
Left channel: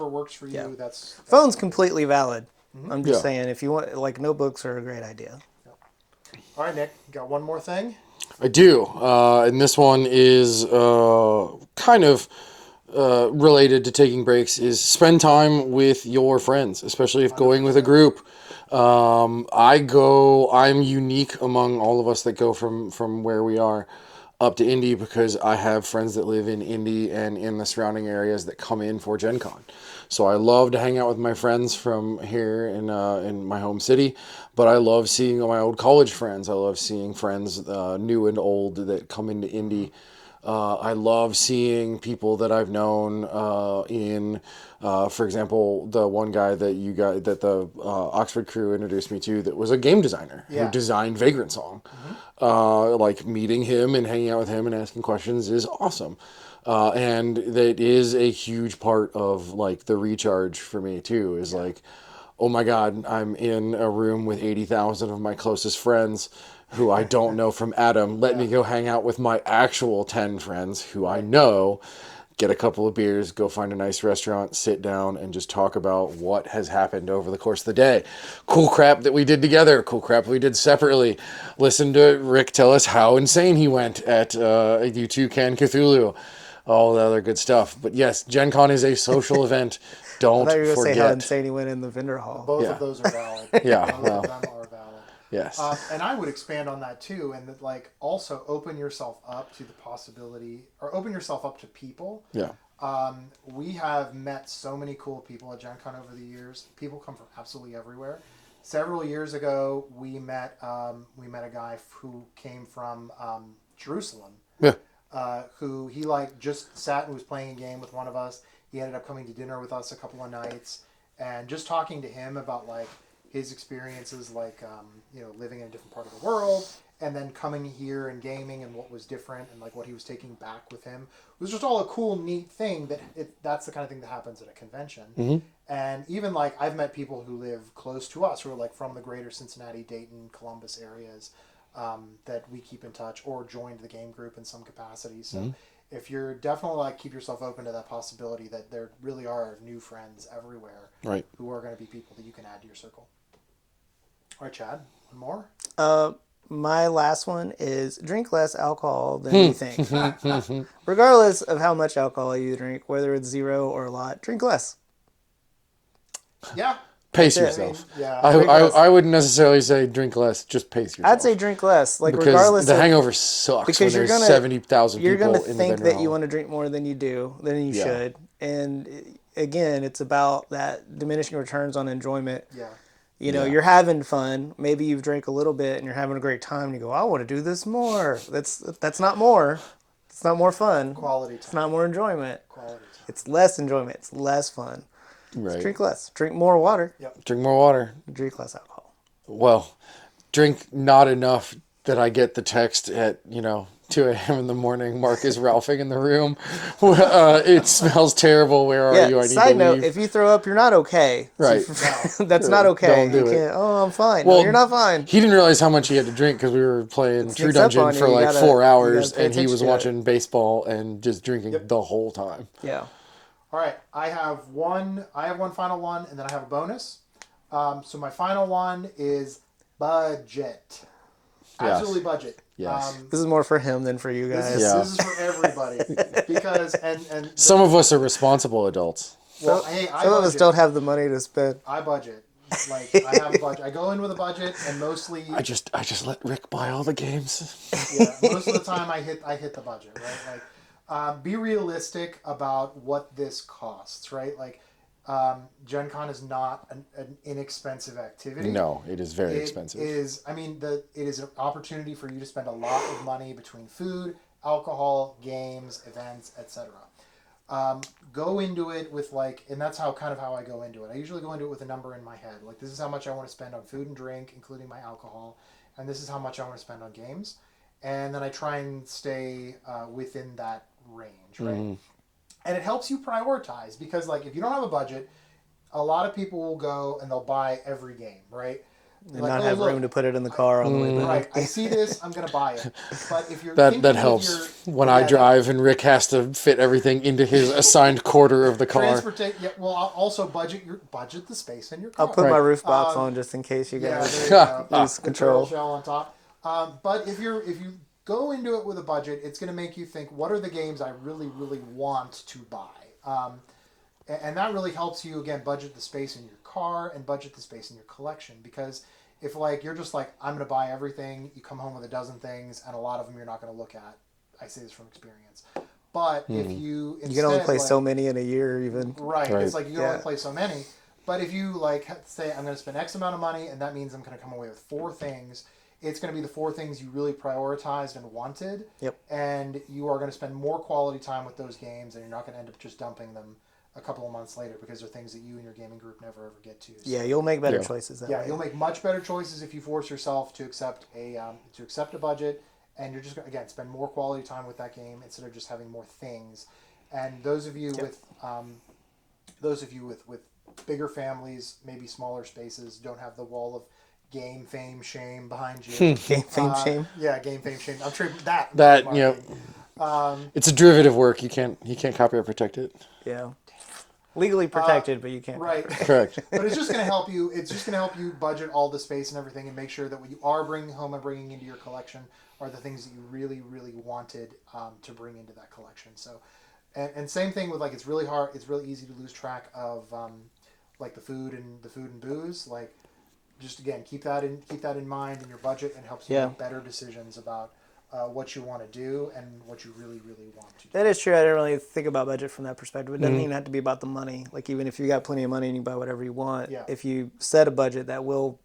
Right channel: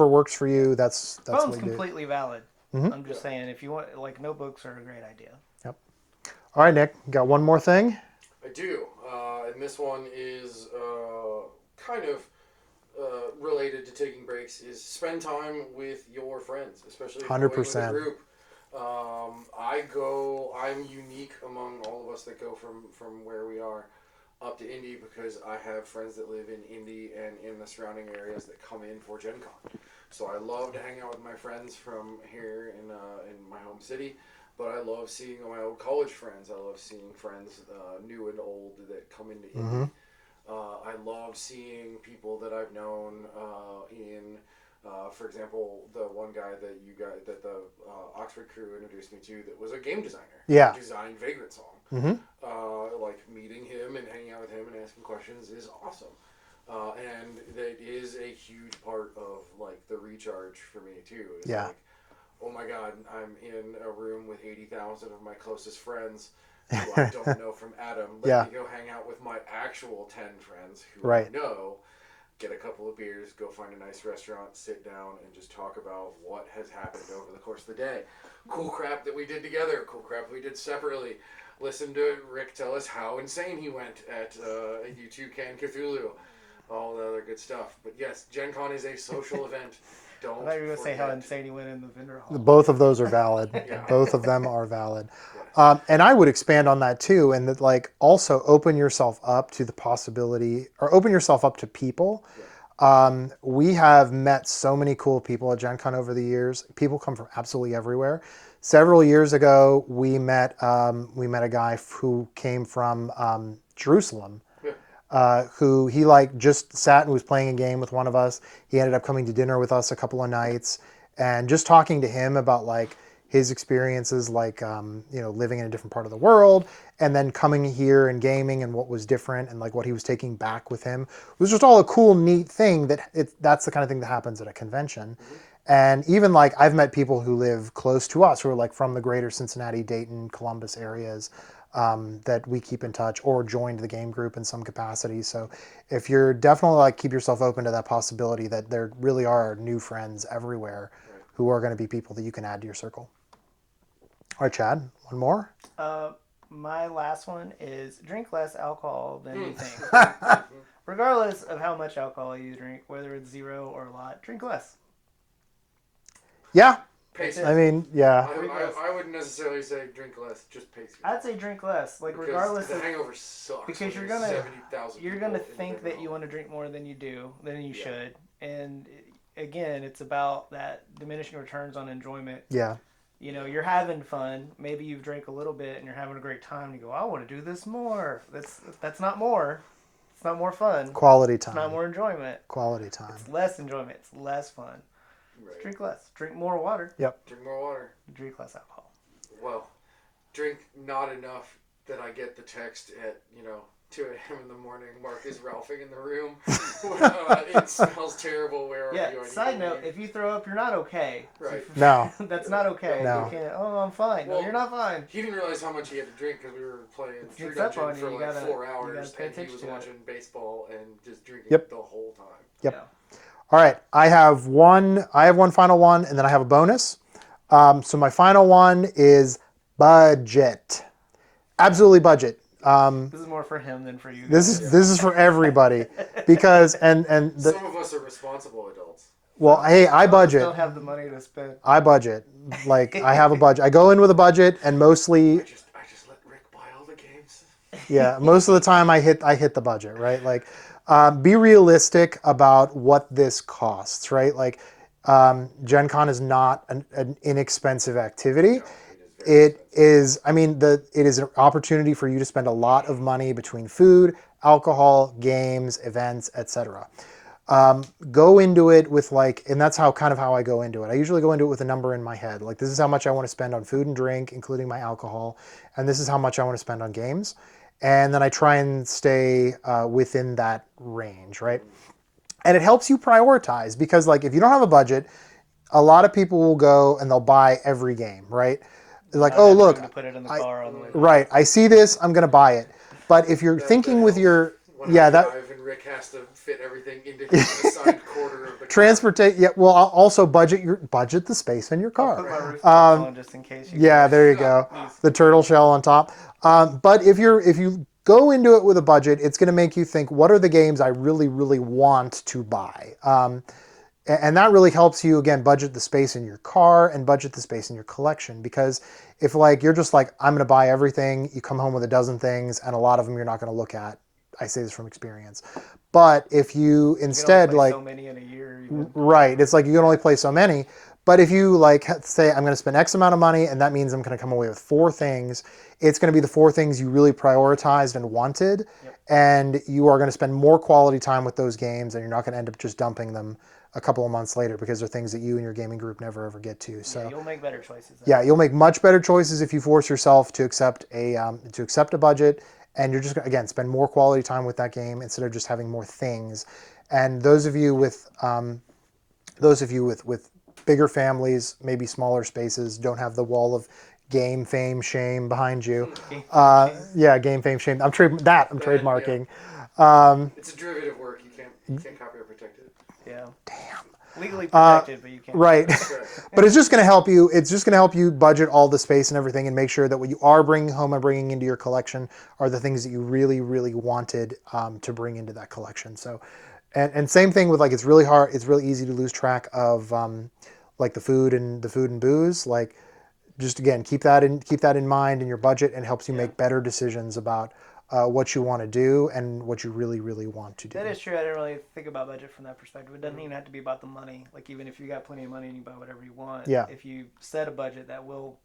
works for you, that's Phone's completely valid. I'm just saying, if you want, like, notebooks are a great idea. Yep. All right, Nick, you got one more thing? I do. And this one is kind of related to taking breaks, is spend time with your friends, especially if going with a group. I'm unique among all of us that go from where we are up to Indy because I have friends that live in Indy and in the surrounding areas that come in for Gen Con. So I love to hang out with my friends from here in my home city, but I love seeing my old college friends. I love seeing friends new and old that come into Indy. I love seeing people that I've known for example, the one guy that the Oxford crew introduced me to that was a game designer who designed Vagrant Song. Like meeting him and hanging out with him and asking questions is awesome. And that is a huge part of like the recharge for me too, is like, oh my God, I'm in a room with 80,000 of my closest friends who I don't know from Adam. Let me go hang out with my actual 10 friends who I know, get a couple of beers, go find a nice restaurant, sit down, and just talk about what has happened over the course of the day. Cool crap that we did together, cool crap we did separately. Listen to Rick tell us how insane he went at U2 Can Cthulhu. All the other good stuff. But yes, Gen Con is a social event. Don't I thought you were going to forget. say how insane he went in the vendor hall. Both of those are valid. Both of them are valid. Yes. And I would expand on that too, and that like also open yourself up to the possibility, or open yourself up to people. Yeah. We have met so many cool people at Gen Con over the years. People come from absolutely everywhere. Several years ago, we met a guy who came from Jerusalem. Yeah. Who he like just sat and was playing a game with one of us. He ended up coming to dinner with us a couple of nights, and just talking to him about like his experiences, like living in a different part of the world, and then coming here and gaming and what was different and like what he was taking back with him. It was just all a cool, neat thing that's the kind of thing that happens at a convention. And even like I've met people who live close to us who are like from the greater Cincinnati, Dayton, Columbus areas. That we keep in touch or joined the game group in some capacity. So if you're definitely like keep yourself open to that possibility that there really are new friends everywhere who are going to be people that you can add to your circle. All right, Chad, one more? My last one is drink less alcohol than you think. Regardless of how much alcohol you drink, whether it's 0 or a lot, drink less. Yeah, Pace That's yourself. it. I mean, yeah. I wouldn't necessarily say drink less. Just pace yourself. I'd say drink less. Like because regardless the of, hangover sucks because when you're there's gonna 70,000 you're people gonna in the think venue that you hall. want to drink more than you Yeah. should, and again, it's about that diminishing returns on enjoyment. Yeah. You know, Yeah. you're having fun. Maybe you've drank a little bit and you're having a great time. And you go, I want to do this more. That's not more. It's not more fun. Quality time. It's not more enjoyment. Quality time. It's less enjoyment. It's less fun. Right. Drink less. Drink more water. Yep. Drink more water. Drink less alcohol. Well, drink not enough that I get the text at 2 a.m. in the morning. Mark is ralphing in the room. It smells terrible. Where are you? I need Side to note: leave. if you throw up, you're not okay. Right. No. That's not okay. Don't do You it. can't. Oh, I'm fine. Well, no, you're not fine. He didn't realize how much he had to drink because we were playing True sneaks up Dungeon on for you. You like gotta- 4 you hours, gotta pay and he was attention to it. watching baseball and just drinking the whole time. Yeah. All right. I have one final one, and then I have a bonus. So my final one is budget. Absolutely budget. Yes. This is more for him than for you guys. This is for everybody because Some of us are responsible adults. well, hey, I Some of us budget. don't have the money to spend. I budget. Like I have a budget. I go in with a budget, and mostly, I just let Rick buy all the games. yeah, most of the time I hit the budget, right? Like, be realistic about what this costs, right? Like, Gen Con is not an inexpensive activity. No, it is very It expensive. is. I mean, it is an opportunity for you to spend a lot of money between food, alcohol, games, events, etc. Go into it with and that's how I go into it. I usually go into it with a number in my head. Like, this is how much I want to spend on food and drink, including my alcohol, and this is how much I want to spend on games. And then I try and stay within that range, right? And it helps you prioritize because, if you don't have a budget, a lot of people will go and they'll buy every game, right? They're like, Not oh, have look, room to put it in the car on the way. right, I see this, I'm going to buy it. But if you're that thinking helps with your... when yeah, I drive and Rick has to fit everything into his assigned quarter of the car. Transportation, yeah, well, I'll also budget the space in your car. I'll put my roof box on just in case you. Yeah, guys- there you go. The turtle shell on top. But if you go into it with a budget, it's going to make you think, what are the games I really, really want to buy? And that really helps you, again, budget the space in your car and budget the space in your collection. Because if you're just I'm going to buy everything, you come home with a dozen things, and a lot of them you're not going to look at. I say this from experience. But if you You can instead only play so many in a year, even. right, it's you can only play so many. But if you say I'm going to spend X amount of money, and that means I'm going to come away with 4 things, it's going to be the 4 things you really prioritized and wanted, and you are going to spend more quality time with those games, and you're not going to end up just dumping them a couple of months later because they're things that you and your gaming group never ever get to. So, Yeah, you'll make better choices. Then. yeah, you'll make much better choices if you force yourself to accept a budget, and you're just going to, again, spend more quality time with that game instead of just having more things. And those of you with bigger families, maybe smaller spaces, don't have the wall of game fame shame behind you. Game fame shame. Yeah, game fame shame. I'm trademarking. It's a derivative work. You can't copyright protect it. Yeah. Damn. Legally protected, but you can't. Right. Correct. But it's just going to help you. It's just going to help you budget all the space and everything, and make sure that what you are bringing home and bringing into your collection are the things that you really, really wanted to bring into that collection. So, and same thing with it's really hard. It's really easy to lose track of the food and booze. Just again, keep that in mind in your budget, and helps you make better decisions about what you want to do and what you really, really want to do. That is true. I didn't really think about budget from that perspective. It doesn't even have to be about the money. Even if you got plenty of money and you buy whatever you want, if you set a budget, that will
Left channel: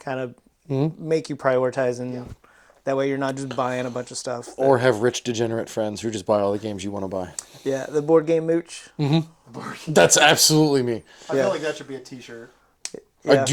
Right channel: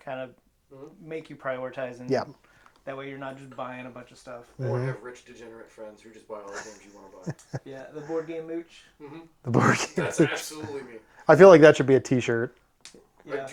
kind of make you prioritize, and that way you're not just buying a bunch of stuff. Or have rich degenerate friends who just buy all the games you want to buy. Yeah, the board game mooch. The board game. That's absolutely me. I feel like that should be a T-shirt. Yeah.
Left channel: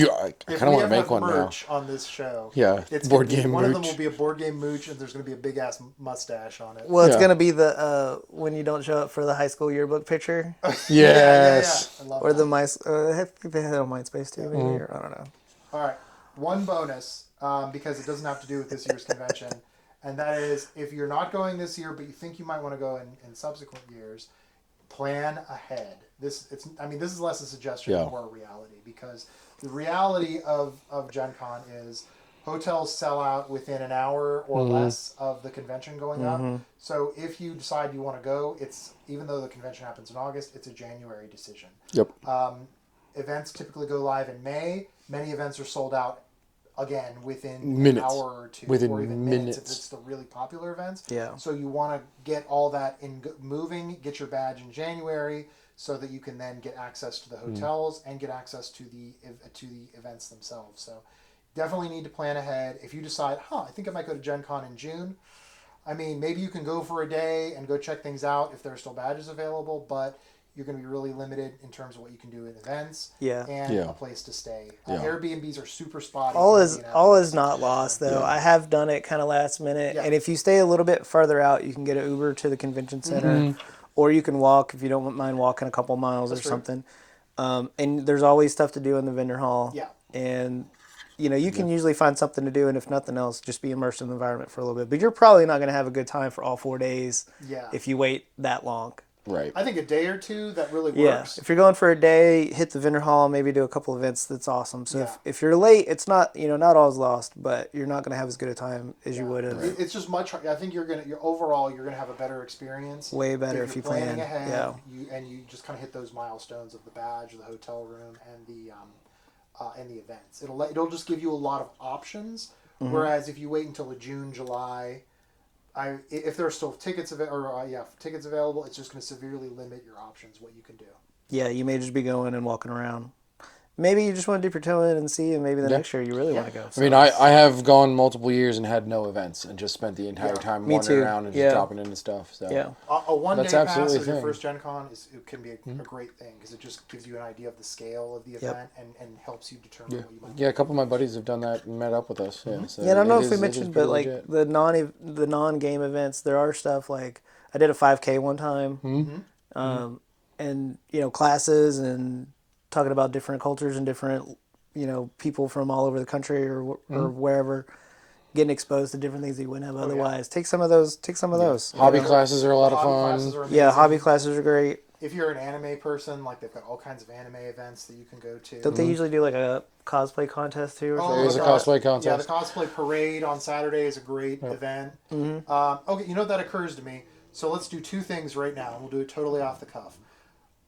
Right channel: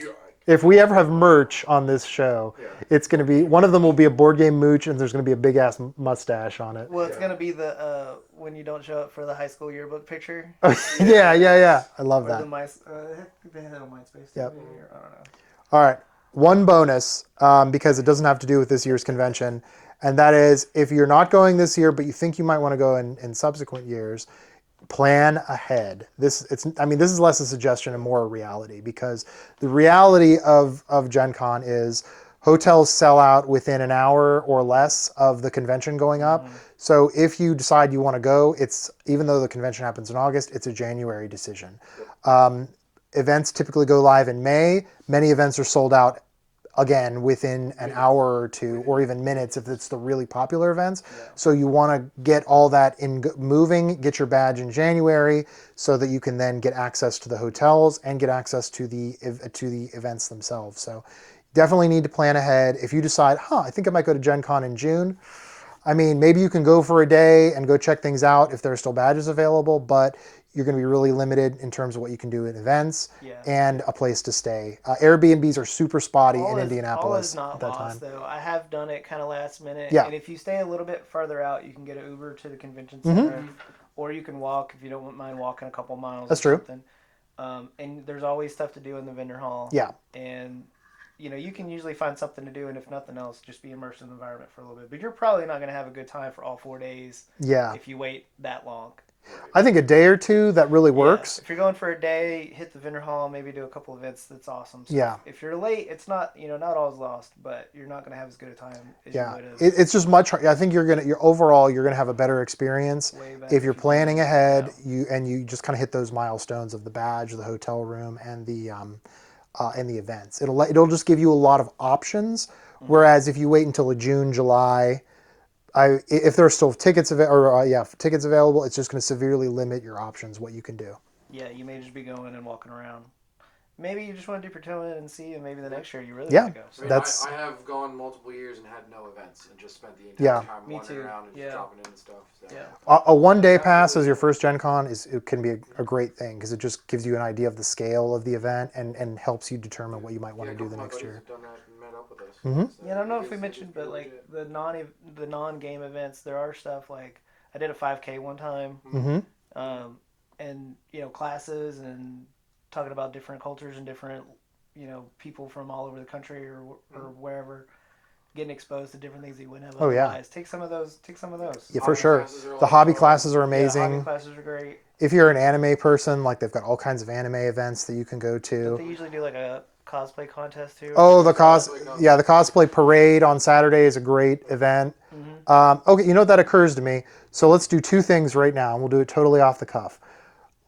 If we ever have merch on this show, it's going to be game one of them mooch. will be a board game mooch, and there's going to be a big ass mustache on it. Well, it's Yeah. gonna be the when you don't show up for the high school yearbook picture, Yeah. I love or that. the I think they had it on MySpace too. Maybe, or I don't know. All right, one bonus because it doesn't have to do with this year's convention, and that is if you're not going this year, but you think you might want to go in subsequent years. Plan ahead. This is less a suggestion and more a reality, because the reality of Gen Con is hotels sell out within an hour or less of the convention going up. So if you decide you want to go, even though the convention happens in August, it's a January decision. Yep. events typically go live in May. Many events are sold out again within an hour or two, or even minutes if it's the really popular events. Yeah. So you want to get all that moving, get your badge in January, so that you can then get access to the hotels and get access to the events themselves. So definitely need to plan ahead. If you decide, I think I might go to Gen Con in June. I mean, maybe you can go for a day and go check things out if there are still badges available, but you're going to be really limited in terms of what you can do in events and a place to stay. Airbnbs are super spotty in Indianapolis. All is not lost, though. I have done it kind of last minute. Yeah. And if you stay a little bit further out, you can get an Uber to the convention center, or you can walk if you don't mind walking a couple miles something. And there's always stuff to do in the vendor hall. Yeah. And you can usually find something to do, and if nothing else, just be immersed in the environment for a little bit. But you're probably not going to have a good time for all 4 days if you wait that long. Right. I think a day or two, that really works. If you're going for a day, hit the vendor hall, maybe do a couple events. That's awesome. So if you're late, it's not not all is lost, but you're not going to have as good a time as you would have. It's just much. I think you're gonna have a better experience. Way better if you're planning plan. ahead. You just kind of hit those milestones of the badge, the hotel room, and the events. It'll just give you a lot of options. Whereas if you wait until June, July. If there are still tickets tickets available, it's just going to severely limit your options, what you can do. Yeah, you may just be going and walking around. Maybe you just want to dip your toe in and see, and maybe the next year you really want to go. So I mean, I have gone multiple years and had no events and just spent the entire time wandering around and just dropping into stuff. So. Yeah. A one-day pass as your first Gen Con it can be a great thing because it just gives you an idea of the scale of the event and helps you determine what you might want to do. Yeah, a couple of my buddies have done that and met up with us. So I don't know if we mentioned, but like the non-game events, there are stuff like I did a 5K one time, and classes and talking about different cultures and different people from all over the country or wherever, getting exposed to different things that you wouldn't have otherwise. Take some of those. Yeah, hobby classes are a lot of hobby fun. classes are amazing. Yeah, hobby classes are great. If you're an anime person, like they've got all kinds of anime events that you can go to. Don't they usually do like a cosplay contest too? Oh, the cosplay contest. Yeah, the cosplay parade on Saturday is a great event. Okay, that occurs to me. So let's do two things right now, and we'll do it totally off the cuff.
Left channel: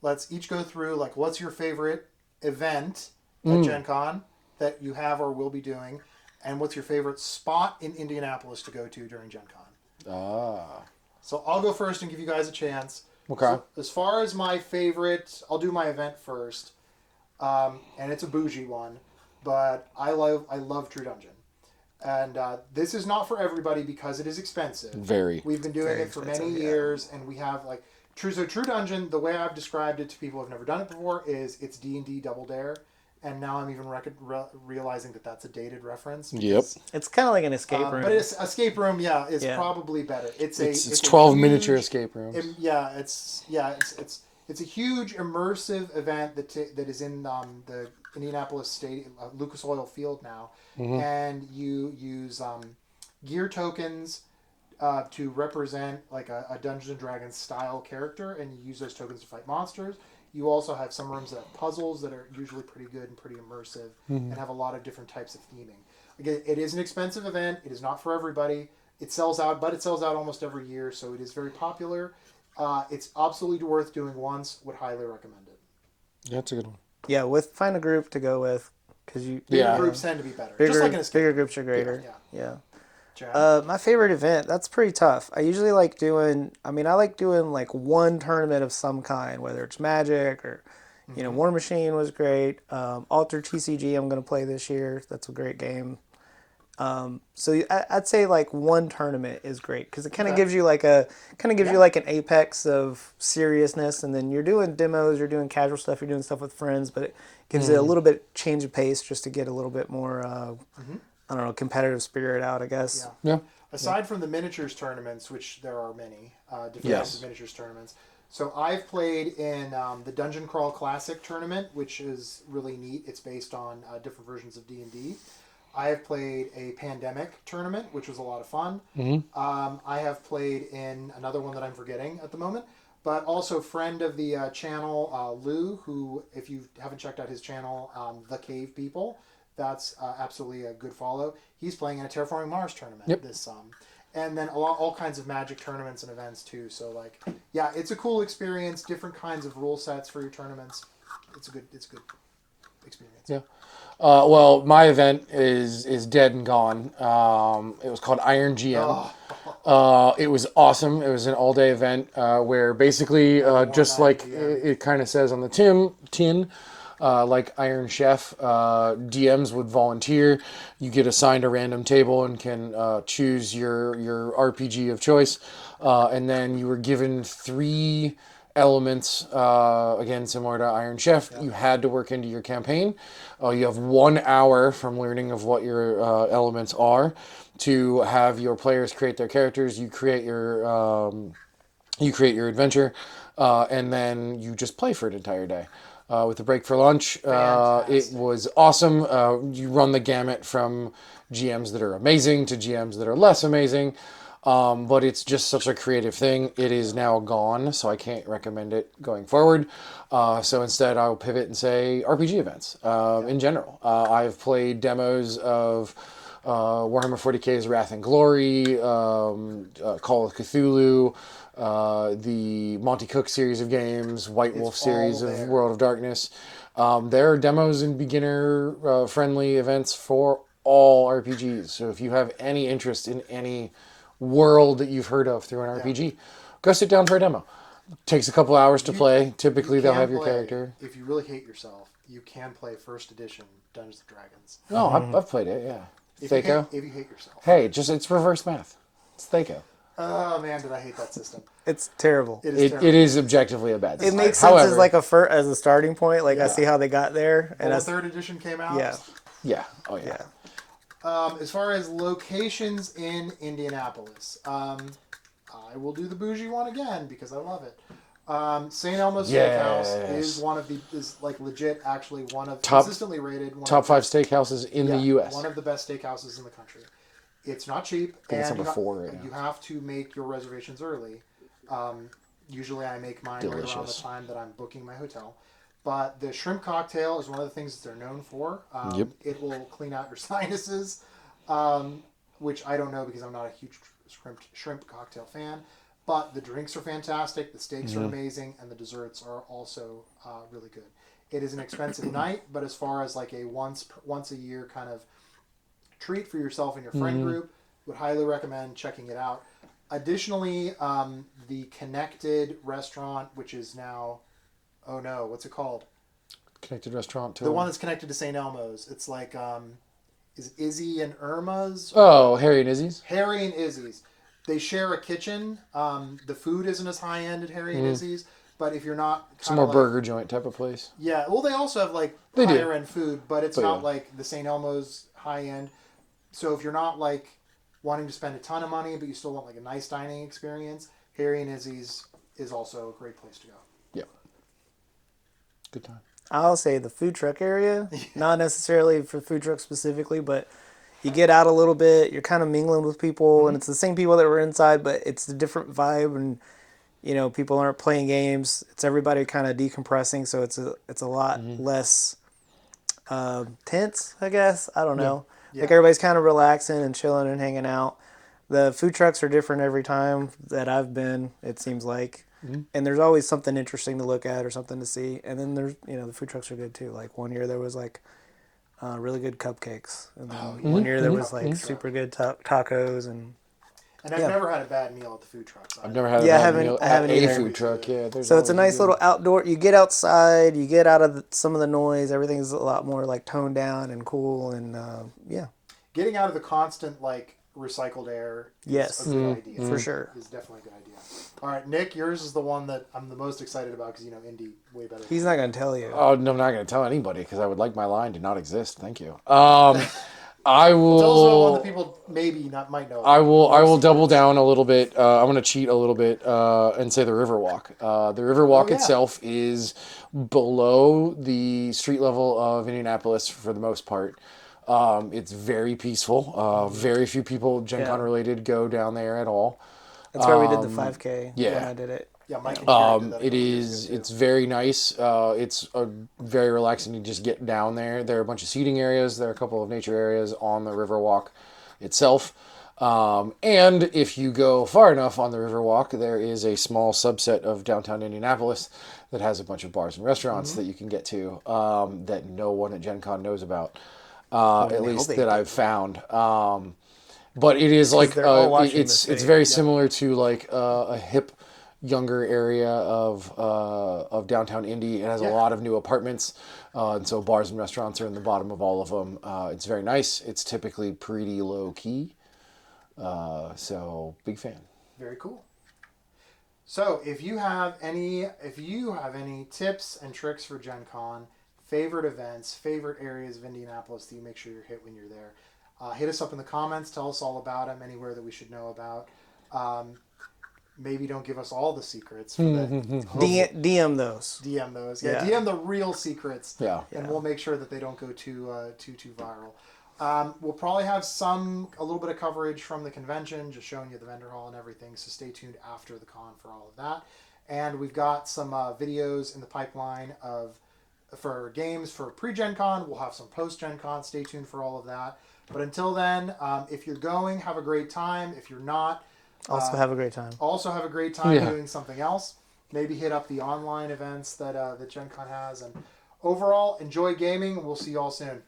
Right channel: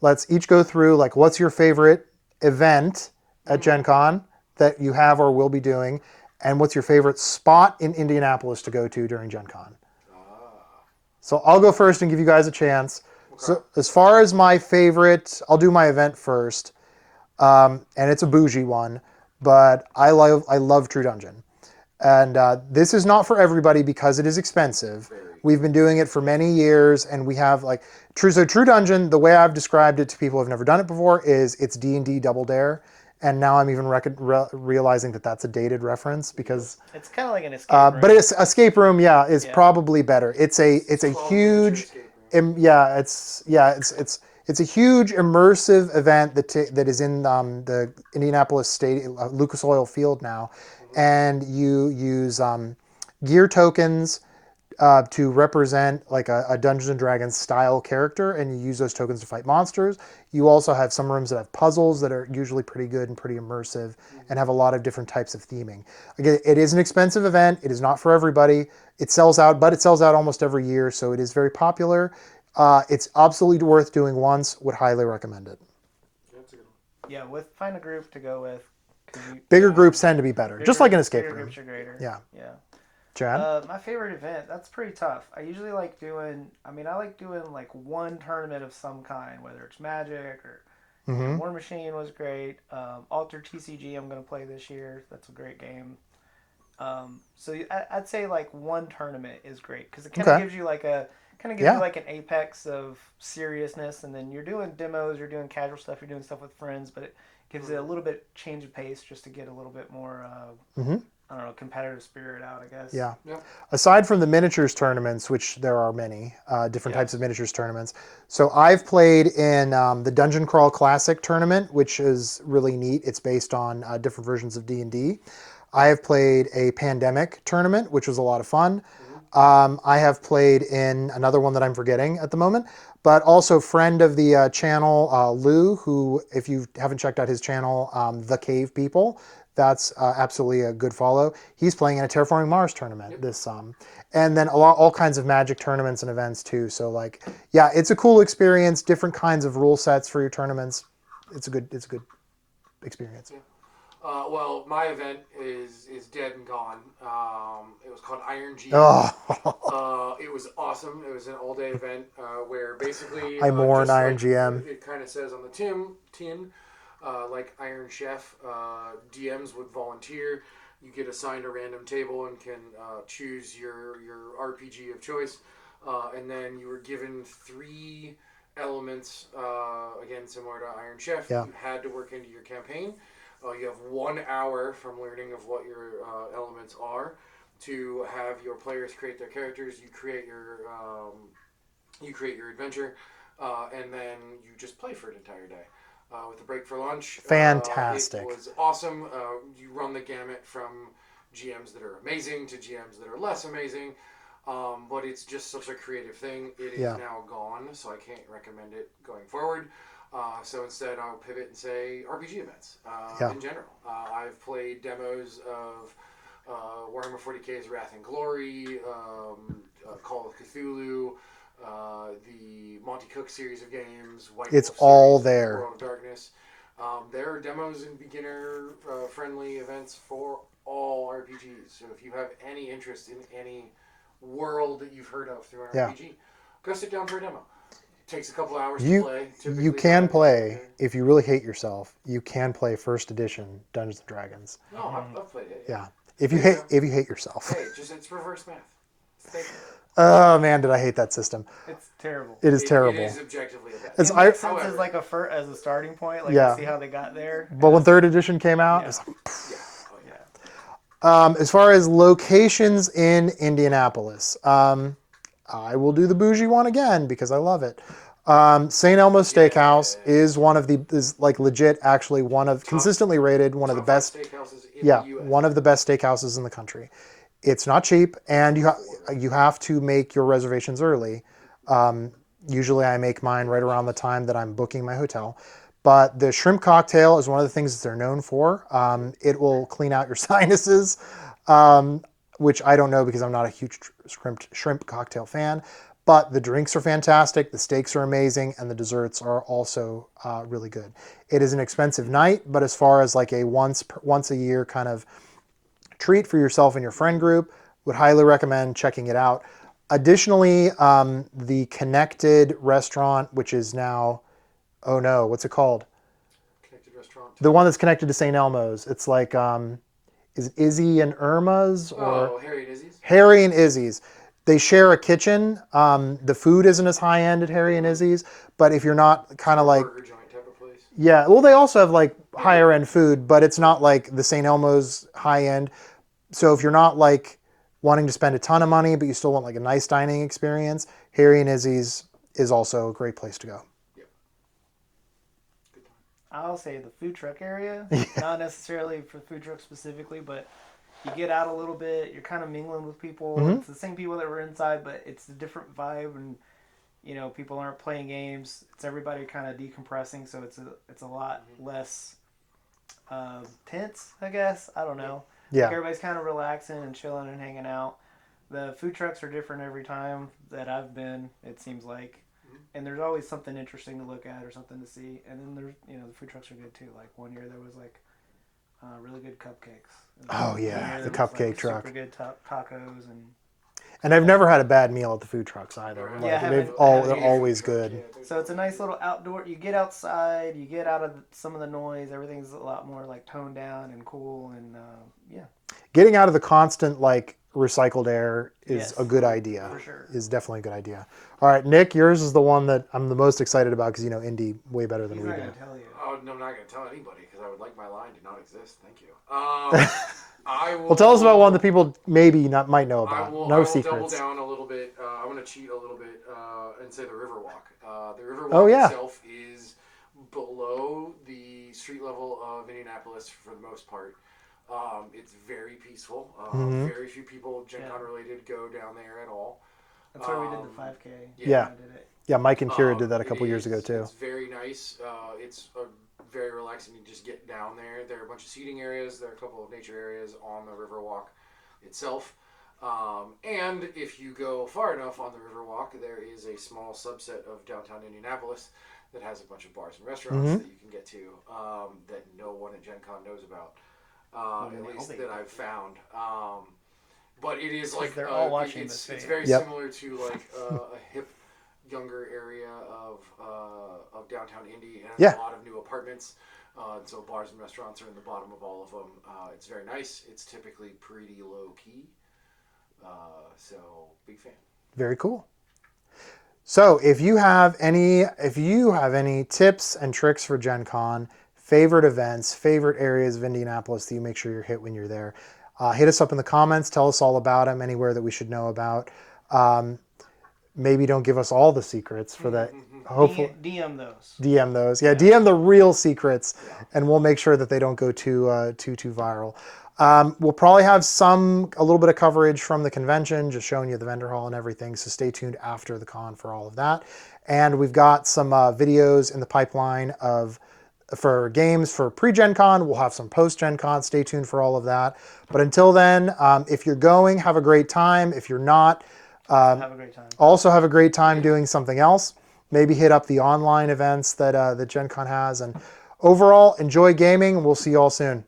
Let's each go through, like, what's your favorite event at Gen Con that you have or will be doing, and what's your favorite spot in Indianapolis to go to during Gen Con? So I'll go first and give you guys a chance. Okay. So as far as my favorite, I'll do my event first, and it's a bougie one, but I love True Dungeon. And this is not for everybody because it is expensive. Very. We've been doing it for many years, and we have True Dungeon. The way I've described it to people who've never done it before is it's D&D Double Dare, and now I'm even realizing that that's a dated reference because it's kind of like an escape room. but it's escape room, is probably better. It's a 12 huge, miniature escape rooms. It's a huge immersive event that is in the Indianapolis Stadium, Lucas Oil Field now, and you use gear tokens to represent like a Dungeons and Dragons style character, and you use those tokens to fight monsters. You also have some rooms that have puzzles that are usually pretty good and pretty immersive, and have a lot of different types of theming. Again, it is an expensive event. It is not for everybody. It sells out almost every year, so it is very popular. It's absolutely worth doing once. Would highly recommend it. Yeah, that's a good one. Yeah, find a group to go with. Bigger groups tend to be better, just like an escape room. Bigger groups are greater. Yeah. Chad? My favorite event, that's pretty tough. I usually like doing like one tournament of some kind, whether it's Magic or, War Machine was great. Alter TCG I'm going to play this year. That's a great game. So I'd say like one tournament is great because it kind of gives you like you like an apex of seriousness, and then you're doing demos, you're doing casual stuff, you're doing stuff with friends, but it gives you a little bit change of pace just to get a little bit more I don't know, competitive spirit out, I guess. Yeah. Aside from the miniatures tournaments, which there are many different types of miniatures tournaments. So I've played in the Dungeon Crawl Classic tournament, which is really neat. It's based on different versions of D&D. I have played a Pandemic tournament, which was a lot of fun. I have played in another one that I'm forgetting at the moment, but also friend of the channel, Lou, who, if you haven't checked out his channel, The Cave People, that's absolutely a good follow. He's playing in a Terraforming Mars tournament this and then all kinds of Magic tournaments and events too. So it's a cool experience. Different kinds of rule sets for your tournaments. It's good. experience. Yeah. Well, my event is dead and gone. It was called Iron GM. It was awesome. It was an all-day event where basically, I mourn just Iron like GM. it kind of says on the tin, like Iron Chef, DMs would volunteer. You get assigned a random table and can choose your RPG of choice, and then you were given 3 elements, again similar to Iron Chef. Yeah. You had to work into your campaign. You have 1 hour from learning of what your elements are to have your players create their characters. You create your adventure, and then you just play for an entire day. With a break for lunch. Fantastic. It was awesome. You run the gamut from GMs that are amazing to GMs that are less amazing. But it's just such a creative thing. It is now gone, so I can't recommend it going forward. So instead, I'll pivot and say RPG events in general. I've played demos of Warhammer 40k's Wrath and Glory, Call of Cthulhu, the Monty Cook series of games, White Wolf series of World of Darkness. There are demos and beginner friendly events for all RPGs. So if you have any interest in any world that you've heard of through an RPG, go sit down for a demo. Takes a couple hours to play. Typically, you can play if you really hate yourself. You can play first edition Dungeons and Dragons. No, I've played it. Yeah. If you hate yourself. Hey, it's reverse math. It's Thaco. Oh man, did I hate that system? It's terrible. It is terrible. It is objectively a bad It system. makes sense However, as like as a starting point. Like I see how they got there. But when third edition came out, yeah. Oh yeah. As far as locations in Indianapolis, I will do the bougie one again because I love it. St. Elmo's Steakhouse is like legit actually one of consistently rated one of the best steakhouses in the U.S. One of the best steakhouses in the country. It's not cheap, and you have to make your reservations early. Usually, I make mine right around the time that I'm booking my hotel. But the shrimp cocktail is one of the things that they're known for. It will clean out your sinuses, which I don't know because I'm not a huge shrimp cocktail fan. But the drinks are fantastic, the steaks are amazing, and the desserts are also really good. It is an expensive night, but as far as like a once a year kind of treat for yourself and your friend group, would highly recommend checking it out. Additionally, the Connected restaurant, which is now, oh no, what's it called? Connected restaurant. The one that's connected to St. Elmo's. It's like, is it Izzy and Irma's? Harry and Izzy's? Harry and Izzy's. They share a kitchen. The food isn't as high end at Harry and Izzy's, but if you're not kind of like burger joint type of place. Yeah, well, they also have like higher end food, but it's not like the St. Elmo's high end. So if you're not like wanting to spend a ton of money, but you still want like a nice dining experience, Harry and Izzy's is also a great place to go. Yep. Good time. I'll say the food truck area, not necessarily for food trucks specifically, but you get out a little bit, you're kind of mingling with people, and it's the same people that were inside, but it's a different vibe, and people aren't playing games. It's everybody kind of decompressing, so it's a lot less tense, I guess. I don't know. Yeah. Like everybody's kind of relaxing and chilling and hanging out. The food trucks are different every time that I've been, it seems like. And there's always something interesting to look at or something to see. And then there's, the food trucks are good too. Like one year there was like really good cupcakes. And one year there was like super good tacos and I've never had a bad meal at the food trucks. I've never had Yeah, a bad meal at any food always truck. good. Yeah, so it's a nice little outdoor. You get outside, you get out of some of the noise. Everything's a lot more like toned down and cool, and Getting out of the constant like recycled air is Yes. a good idea. For sure. Is definitely a good idea. All right, Nick, yours is the one that I'm the most excited about because Indy way better than he's we not do. going to tell you. Oh, no, I'm not going to tell anybody because I would like my line to not exist. Thank you. I will. Well, tell us about one that people might know about. I will No double secrets. down a little bit. I'm going to cheat a little bit and say the Riverwalk. The Riverwalk itself is below the street level of Indianapolis for the most part. It's very peaceful. Very few people Gencon related go down there at all. That's where we did the 5K. Yeah. I did it. Yeah, Mike and Kira did that a couple years ago too. It's very nice. It's very relaxing to just get down there. There are a bunch of seating areas. There are a couple of nature areas on the Riverwalk itself. And if you go far enough on the Riverwalk, there is a small subset of downtown Indianapolis that has a bunch of bars and restaurants that you can get to that no one at Gen Con knows about, at least that I've found. But it is like they're all watching it's this very similar to like a hip, younger area of downtown Indy. It has a lot of new apartments, and so bars and restaurants are in the bottom of all of them. It's very nice. It's typically pretty low key, so big fan. Very cool. So if you have any tips and tricks for Gen Con, favorite events, favorite areas of Indianapolis that you make sure you're hit when you're there, hit us up in the comments. Tell us all about them, anywhere that we should know about. Maybe don't give us all the secrets for that. DM those. DM those. Yeah, DM the real secrets. Yeah. And we'll make sure that they don't go too viral. We'll probably have a little bit of coverage from the convention, just showing you the vendor hall and everything. So stay tuned after the con for all of that. And we've got some videos in the pipeline for games for pre-Gen Con. We'll have some post-Gen Con. Stay tuned for all of that. But until then, if you're going, have a great time. If you're not, Also have a great time. Also have a great time doing something else. Maybe hit up the online events that Gen Con has. And overall, enjoy gaming. We'll see you all soon.